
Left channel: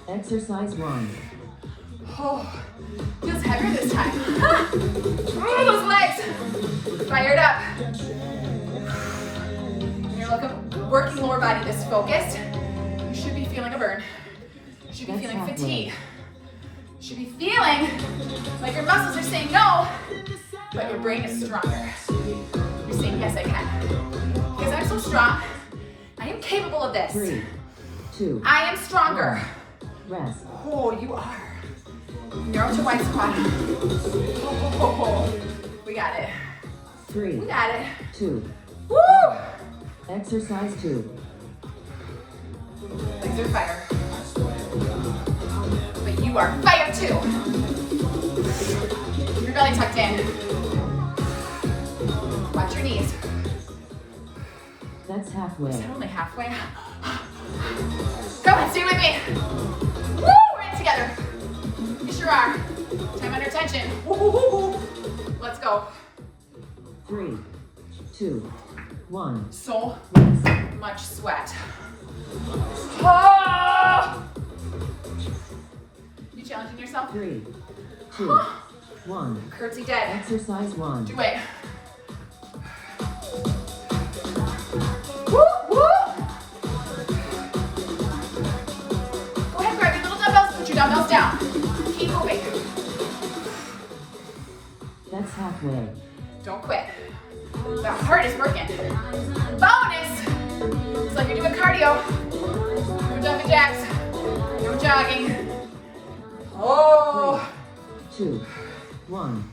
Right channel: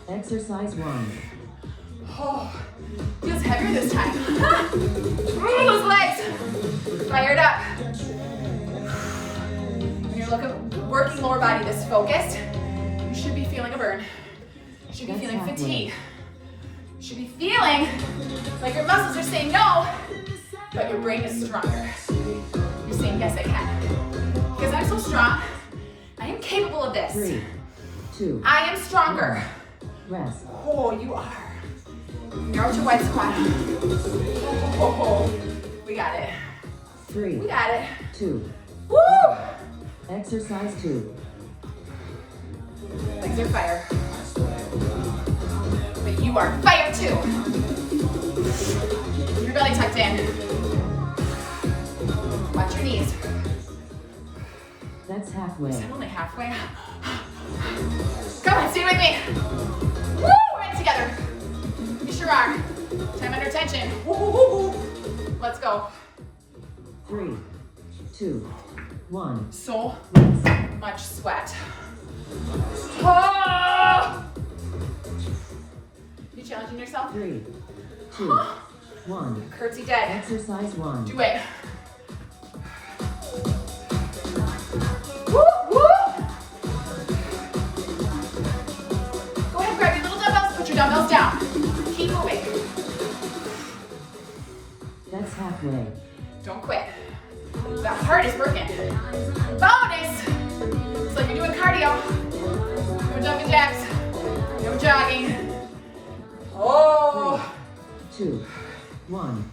Exercise 1. Oh, feels heavier this time. Oh, those legs. Fire it up. When you're working lower body this focused, you should be feeling a burn. You should be feeling fatigue. You should be feeling like your muscles are saying no, but your brain is stronger. You're saying, yes, I can. Because I'm so strong. I am capable of this. 3, 2. I am stronger. Rest. Oh, you are. Narrow to wide squat. Oh, we got it. 3. We got it. 2. Woo! Exercise 2. Legs are fire. But you are fire too. Keep your belly tucked in. Watch your knees. That's halfway. Is that only halfway? Come on, stay with me. Woo! We're in together. You sure are. Time under tension. Woo-hoo-hoo-hoo. Let's go. 3, 2, 1. So much sweat. Oh! You challenging yourself? 3, 2, 1. Curtsy dead. Exercise 1. Do it. Woo! Woo! Go ahead, grab your little dumbbells, put your dumbbells down. Keep moving. That's halfway. Don't quit. The heart is working. Bonus! It's like you're doing cardio. No jumping jacks. No jogging. Oh! 3, 2, 1.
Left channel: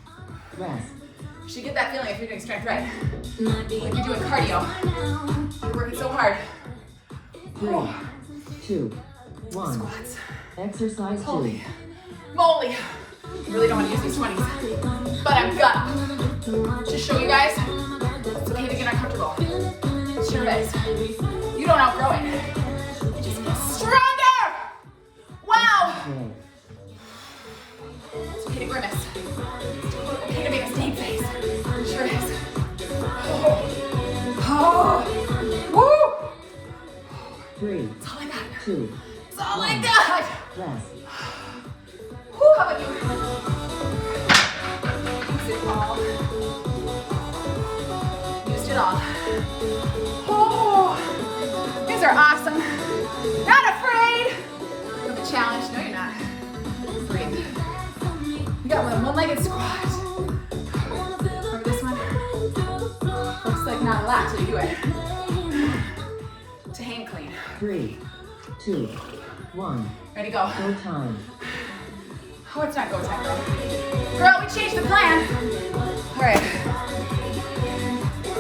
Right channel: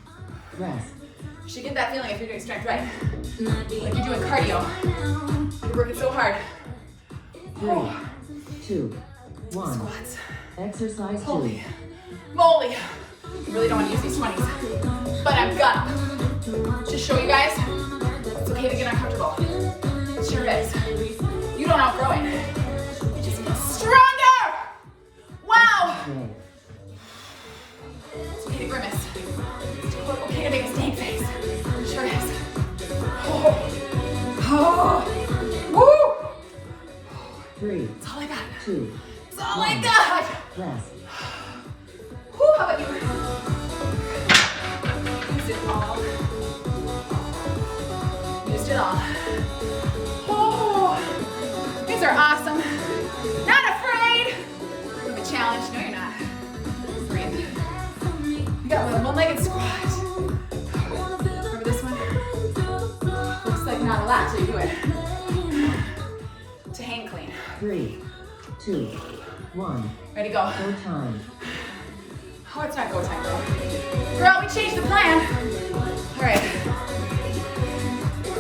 Rest. You should get that feeling if you're doing strength right. Like you're doing cardio. You're working so hard. 3, 2, 1. Squats. Exercise 2. Holy moly. I really don't want to use these 20s, but I'm gonna. Just show you guys, it's okay to get uncomfortable. It sure is. You don't outgrow it. You just get stronger. Wow. Halfway. It's okay to grimace. It's okay to make a stank face. It sure is. Oh. Oh. Woo. 3, That's all I got. 2, That's all I got. rest. Whew, how about you? Use it all. Used it all. Oh, these are awesome. Not afraid of a challenge. No, you're not. Breathe. We got one-legged squat. Remember this one? Looks like not a lot till you do it. To hang clean. 3, 2, 1. Ready, go. Go time. Oh, it's not go time, girl, we changed the plan. All right.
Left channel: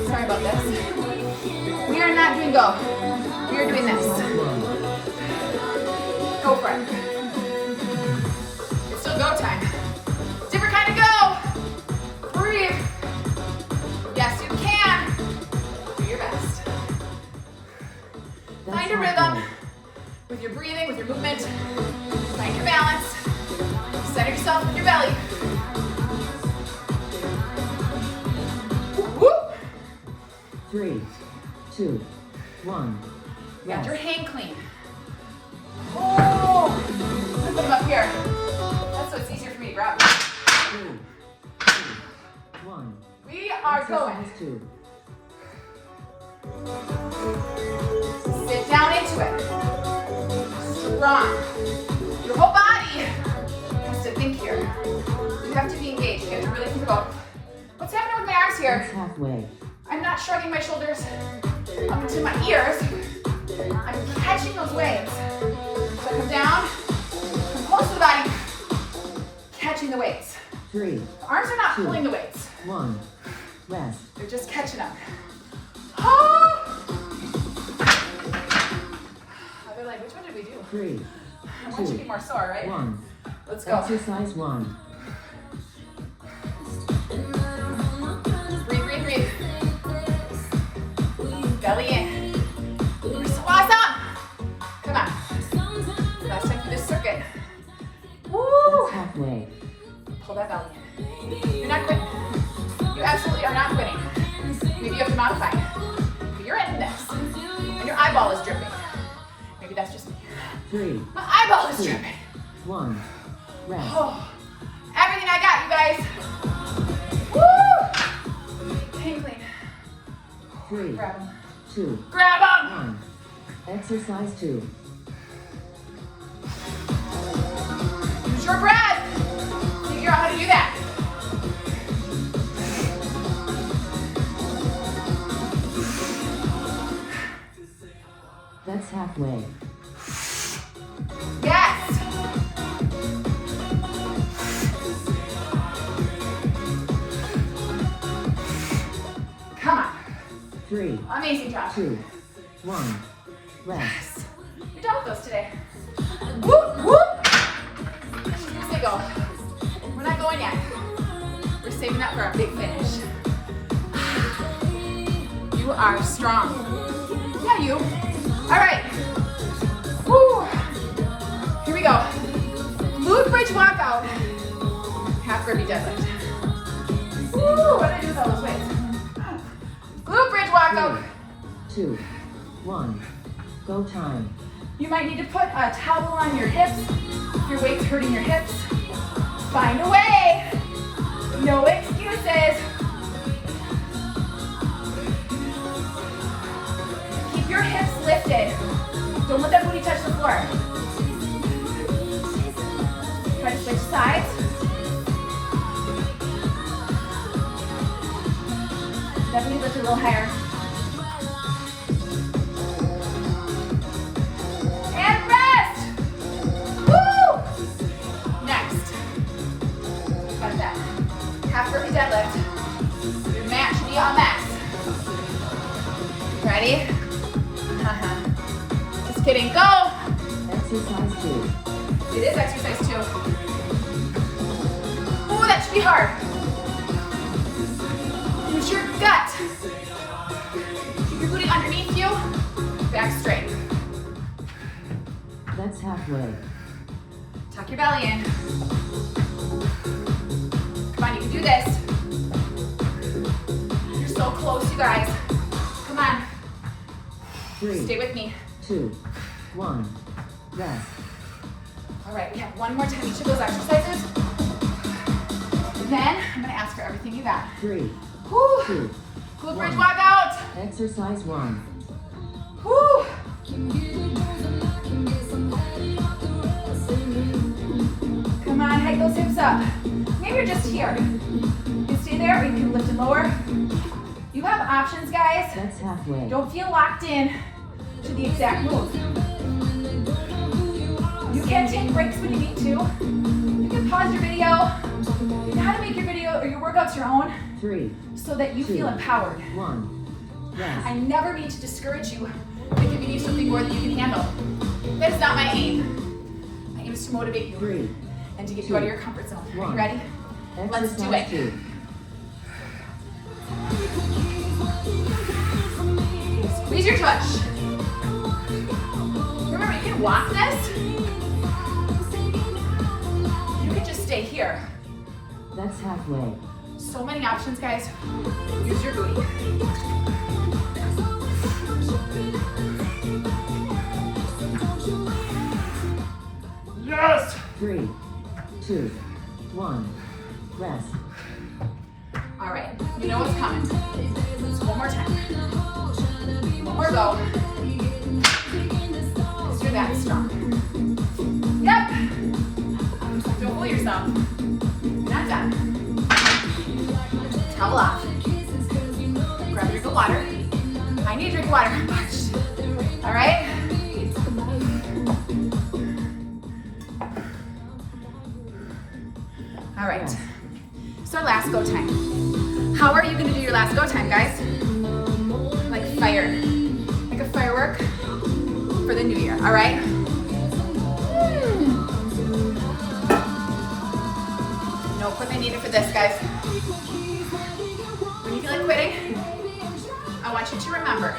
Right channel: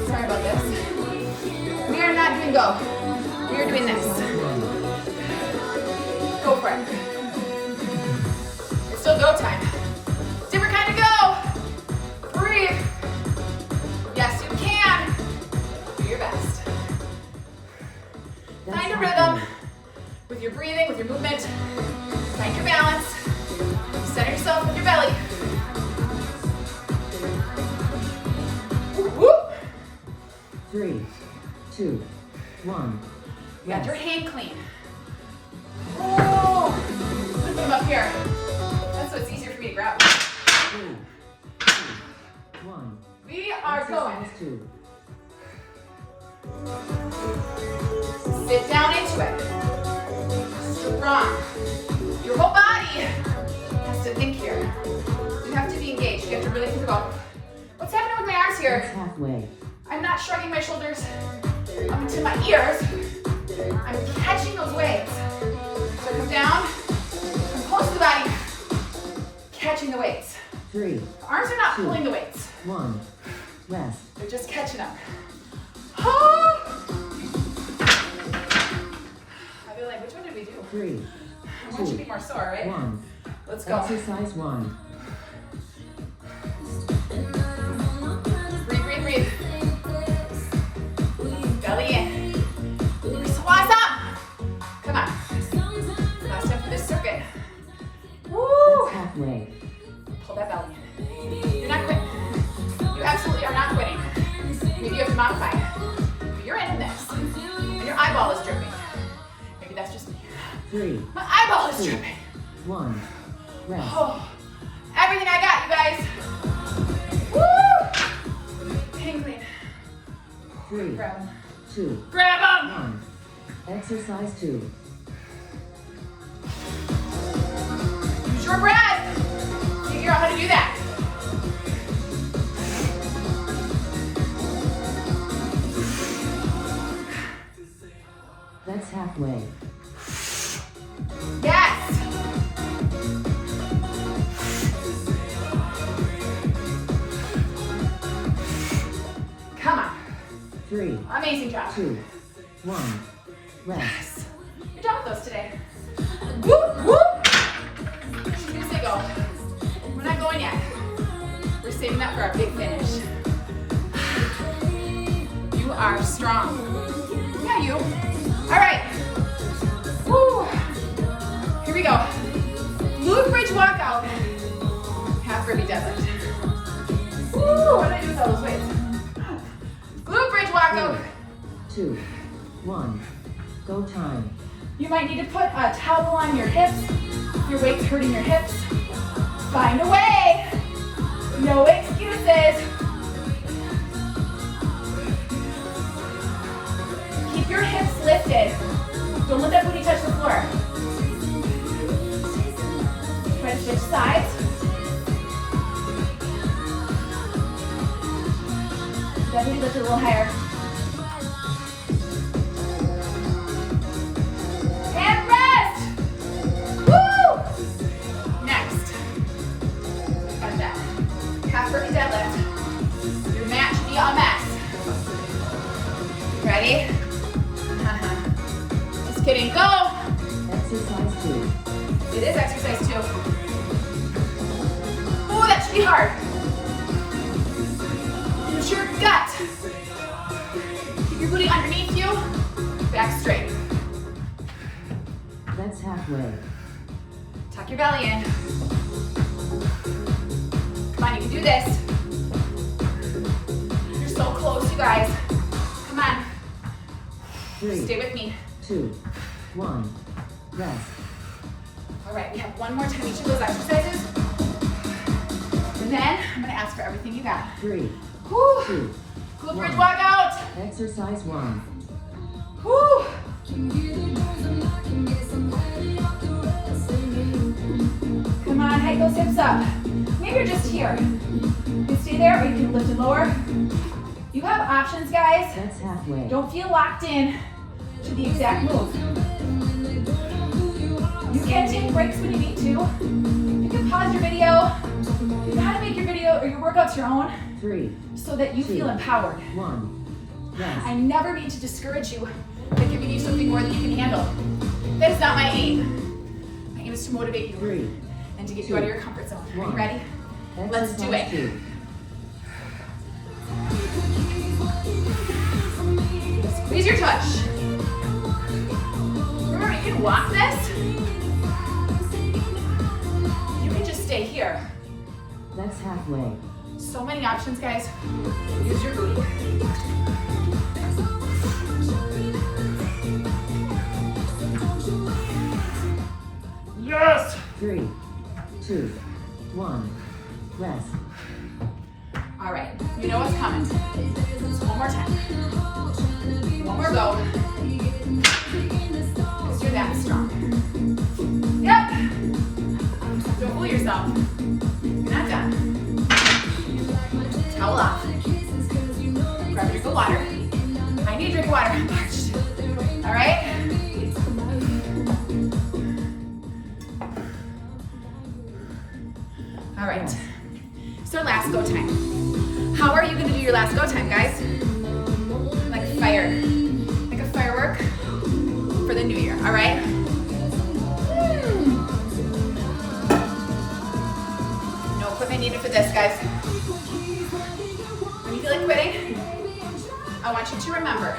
Sorry about this. We are not doing go. We are doing this. Go for it. It's still go time. Different kind of go. Breathe. Yes, you can. Do your best. Find a rhythm with your breathing, with your movement. Find your balance. Center yourself with your belly. Whoop, whoop. 3, 2, 1. You got your hang clean. Oh, I'm gonna put them up here. That's so it's easier for me to grab. 3, 2, 1. We are going. Exercise 2. Sit down into it. Strong. Your whole body has to think here. You have to be engaged. You have to really think about what's happening with my arms here. That's halfway. I'm not shrugging my shoulders up into my ears. I'm catching those waves. So I come down, come close to the body, catching the weights. 3, The arms are not pulling the weights. 1. Rest. They're just catching them. Oh! I'd be like, which one did we do? 3, One should be more sore, right? 1. Let's go. Exercise 1. Breathe, breathe, breathe. Belly in. that's just me. 3, My eyeball is tripping. 1. Rest. Oh, everything I got, you guys. Woo! Hang clean. 3, Grab them. 2, Grab them! 1. Exercise 2. Use your breath. Figure out how to do that. That's halfway. Yes. Come on. 3, Amazing job. 2, 1. Rest. Yes. You're done with those today. Whoop, whoop. She's gonna say go. We're not going yet. We're saving that for our big finish. You are strong. Yeah, you. All right. Woo. Here we go. Glute bridge walkout. Half burpee deadlift. Woo. What did I do with all those weights? Glute bridge walkout. 2, 1. Go time. You might need to put a towel on your hips. If your weight's hurting your hips, find a way. No excuses. Keep your hips lifted. Don't let that booty touch the floor. Try to switch sides. That booty lift a little higher. And rest. Woo! Next. Got that. Half burpee deadlift. Your mat should be on max. Ready? Just kidding. Go. Exercise 2. It is exercise 2. Ooh, that should be hard. Use your gut. Keep your booty underneath you. Back straight. That's halfway. Tuck your belly in. Come on, you can do this. You're so close, you guys. Come on. 3, Stay with me. 2, 1. Rest. All right, we have one more time each of those exercises. And then I'm gonna ask for everything you got. 3, Whew. 2. Glute bridge walkout. Exercise 1. Whew. Come on, hike those hips up. Maybe you're just here. You can stay there or you can lift and lower. You have options, guys. That's halfway. Don't feel locked in to the exact move. You can take breaks when you need to. You can pause your video. You know how to make your video or your workouts your own 3, so that you 2, feel empowered. 1. Rest. I never mean to discourage you by giving you something more than you can handle. That's not my aim. My aim is to motivate you 3. and to get you out of your comfort zone. Are you ready? Let's do it. Exercise 2. Squeeze your touch. Remember, you can walk this. You can just stay here. That's halfway. So many options, guys. Use your booty. Yes! 3, 2, 1. Rest. All right, you know what's coming. Just one more time. One more go. Because you're that strong. Yep. Don't fool yourself. You're not done. Towel off. Grab a drink of water. I need a drink of water. I'm parched. All right? All right. It's our last go time. How are you going to do your last go time, guys? Like fire. Like a firework for the new year, all right? No equipment needed for this, guys. When you feel like quitting, I want you to remember,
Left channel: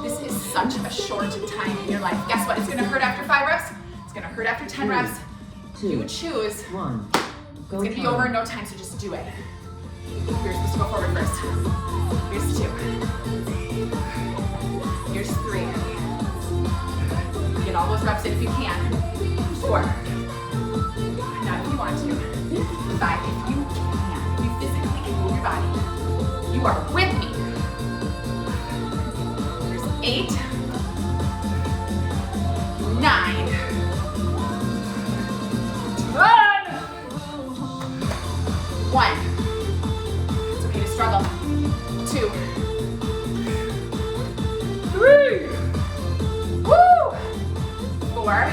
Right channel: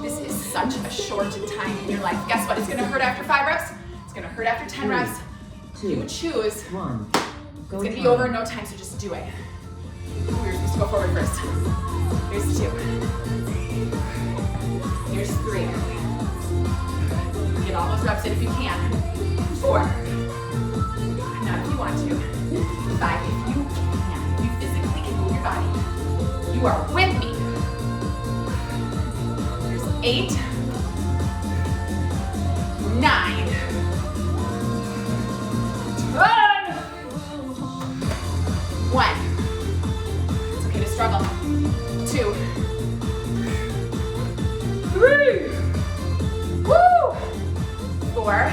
this is such a short time in your life. Guess what? It's going to hurt after 5 reps. It's going to hurt after 10 reps. 2, You choose. 1. It's going to be over in no time, so just do it. Ooh, you're supposed to go forward first. Here's 2. Here's 3. Give Get all those reps in if you can. 4. Not if you want to. 5, if you can. If you physically can move your body. You are with me. There's 8. 9. 10. 1. It's okay to struggle. 2. 3. Woo! 4.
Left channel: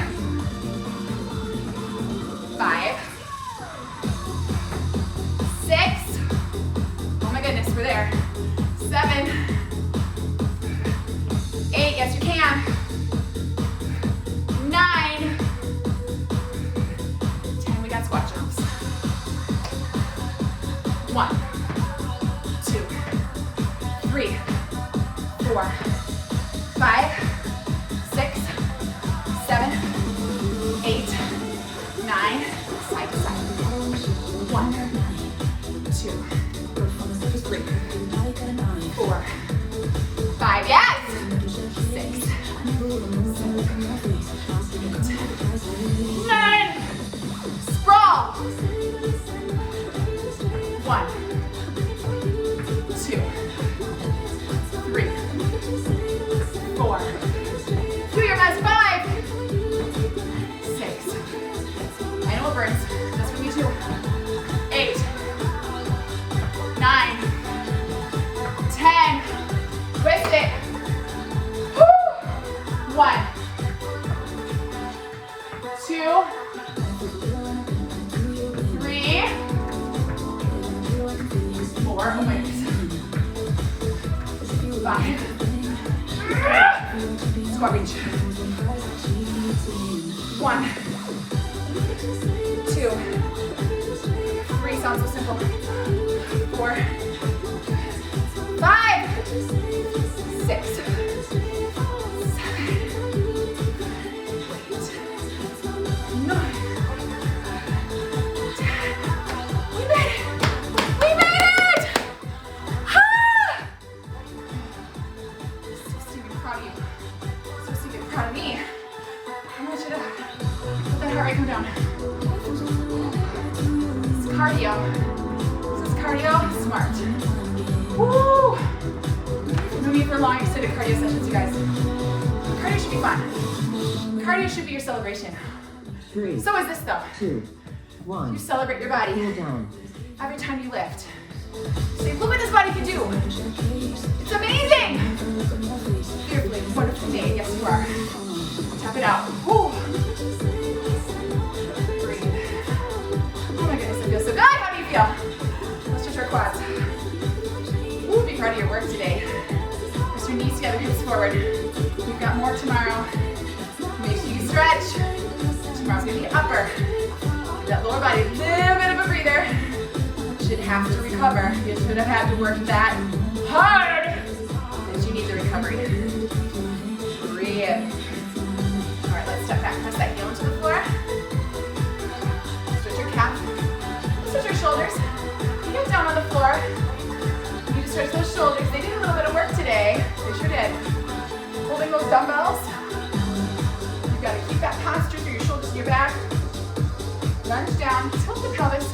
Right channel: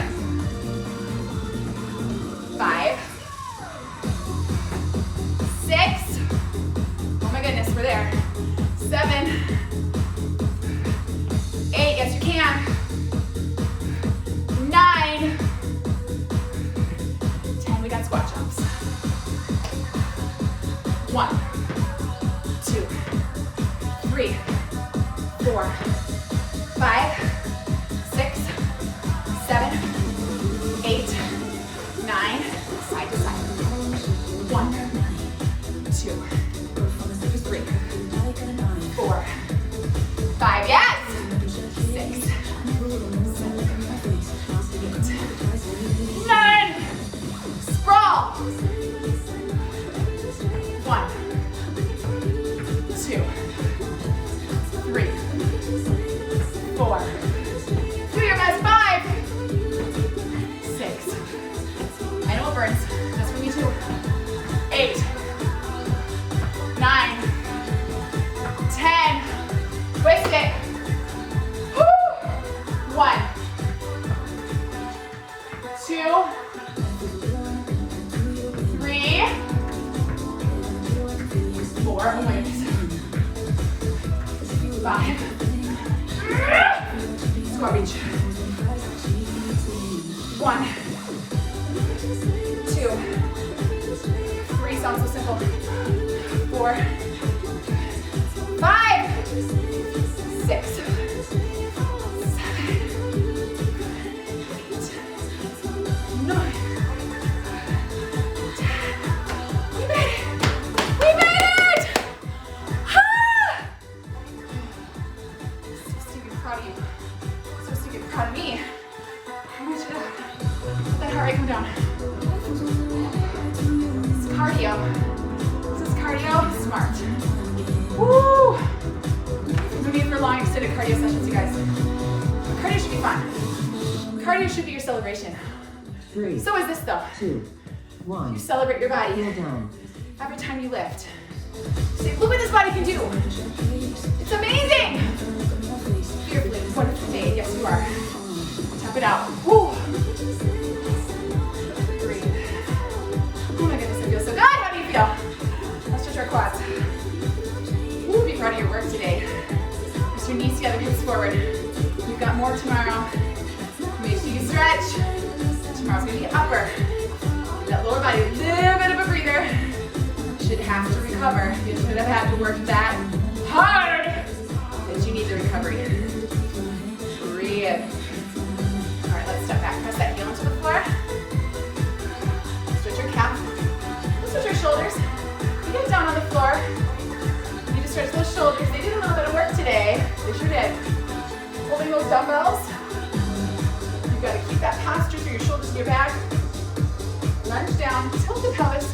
5. 6. Oh my goodness, we're there. 7. 8. Yes, you can. 9. 10. We got squat jumps. 1, 2, 3, 4, 5, 6, 7, 8, 9. Side to side. 1, 2, 3, 4, 5. Yes. 6, 7, 8, 9. Sprawl. 1, 2, 3, 4. Do your best. 5, 6. I know it burns. That's for me too. 8, 9, 10. Twist it. Woo! 1, 2, 3, 4. Oh my goodness. 5. Squat reach. 1, 2, 3. Sounds so simple. 4, 5, 6, 7, 8, 9, 10. We made it! We made it! Ah! So to be proud of you. So to be proud of me. I want you to let that heart rate come down. It's cardio. This is cardio smart. Woo! No need for long extended cardio sessions, you guys. Cardio should be fun. Cardio should be your celebration. 3, So is this though. 2, 1. You celebrate your body Down. every time you lift. Say, look what this body can do. It's amazing. Beautifully, wonderfully made. Yes, you are. Tap it out. Woo. Breathe. Oh my goodness, it feels so good. How do you feel? Let's stretch our quads. Woo, be proud of your work today. Press your knees together, hips forward. We've got more tomorrow. Make sure you stretch. Tomorrow's gonna be upper. Give that lower body a little bit of a breather. Should have to recover. You shouldn't have had to work that hard. That you need the recovery. Breathe. All right, let's step back. Press that heel into the floor. Stretch your calf. Stretch your shoulders. You get down on the floor. You need to stretch those shoulders. They did a little bit of work today. They sure did. Holding those dumbbells. You've got to keep that posture through your shoulders to your back. Lunge down, tilt the pelvis,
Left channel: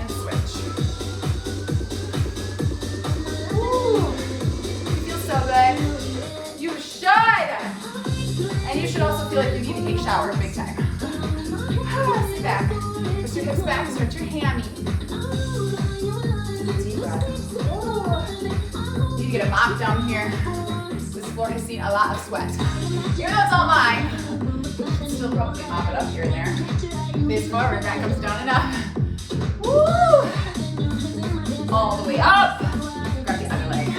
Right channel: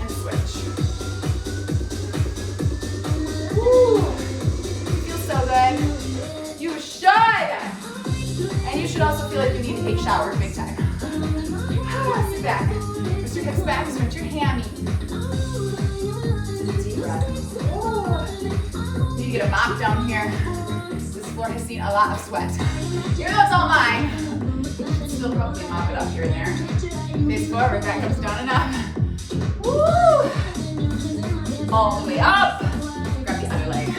and switch. Woo! You feel so good. You should! And you should also feel like you need to take showers big time. Sit back. Push your hips back, stretch your hammy. Deep breath. Ooh. You need to get a mop down here. This floor has seen a lot of sweat. Even though it's all mine, still probably mop it up here and there. Face forward, that comes down enough. Woo! All the way up. Grab the other leg.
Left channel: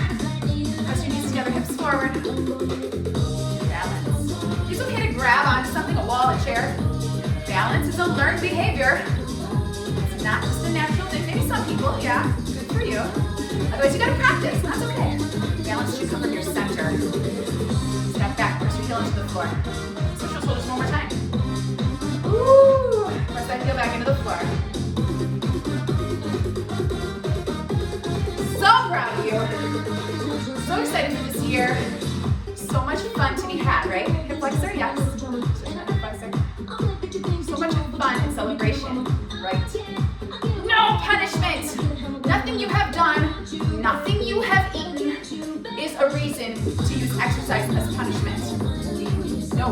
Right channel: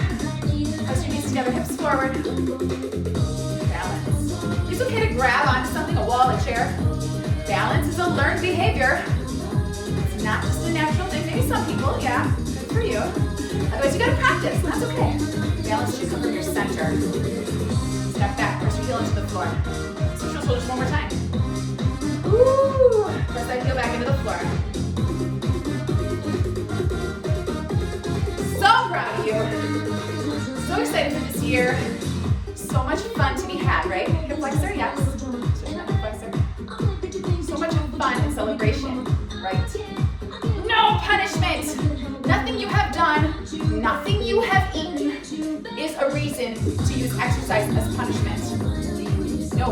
Press your knees together, hips forward. Balance. It's okay to grab onto something, a wall, a chair. Balance is a learned behavior. It's not just a natural thing. Maybe some people, yeah, good for you. Otherwise, you gotta practice, and that's okay. Balance should come from your center. Step back, press your heel into the floor. Switch your shoulders one more time. Ooh, press that heel back into the floor. So proud of you. So excited for this year. So much fun to be had, right? Hip flexor, yes. done, nothing you have eaten is a reason to use exercise as punishment. No,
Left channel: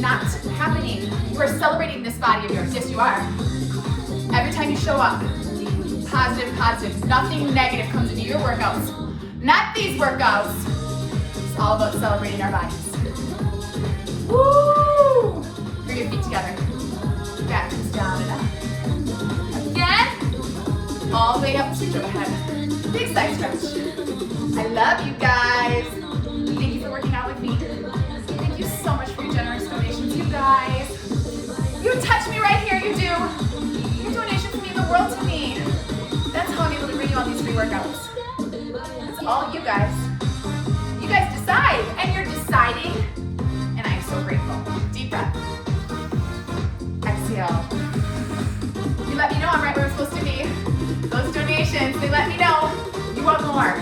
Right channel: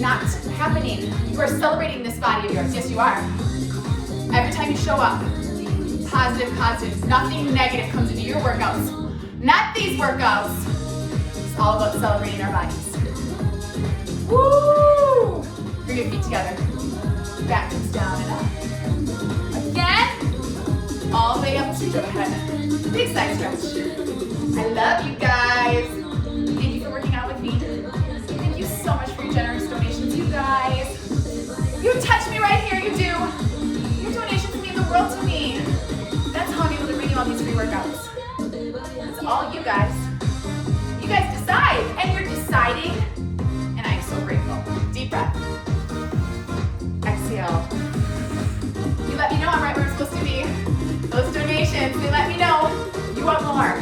not happening. You are celebrating this body of yours. Yes, you are. Every time you show up, positive, positive. Nothing negative comes into your workouts. Not these workouts. It's all about celebrating our bodies. Woo! Bring your feet together. Back comes down and up. Again. All the way up to go ahead. Big side stretch. I love you guys. Thank you for working out with me. Thank you so much for your generous donations, you guys. You touch me right here, you do. Your donations mean the world to me. That's how I'm able to bring you all these free workouts. It's all you guys. You guys decide, and you're deciding, and I am so grateful. Deep breath. Exhale. You let me know I'm right where I'm supposed to be. Those donations, they let me know you want more.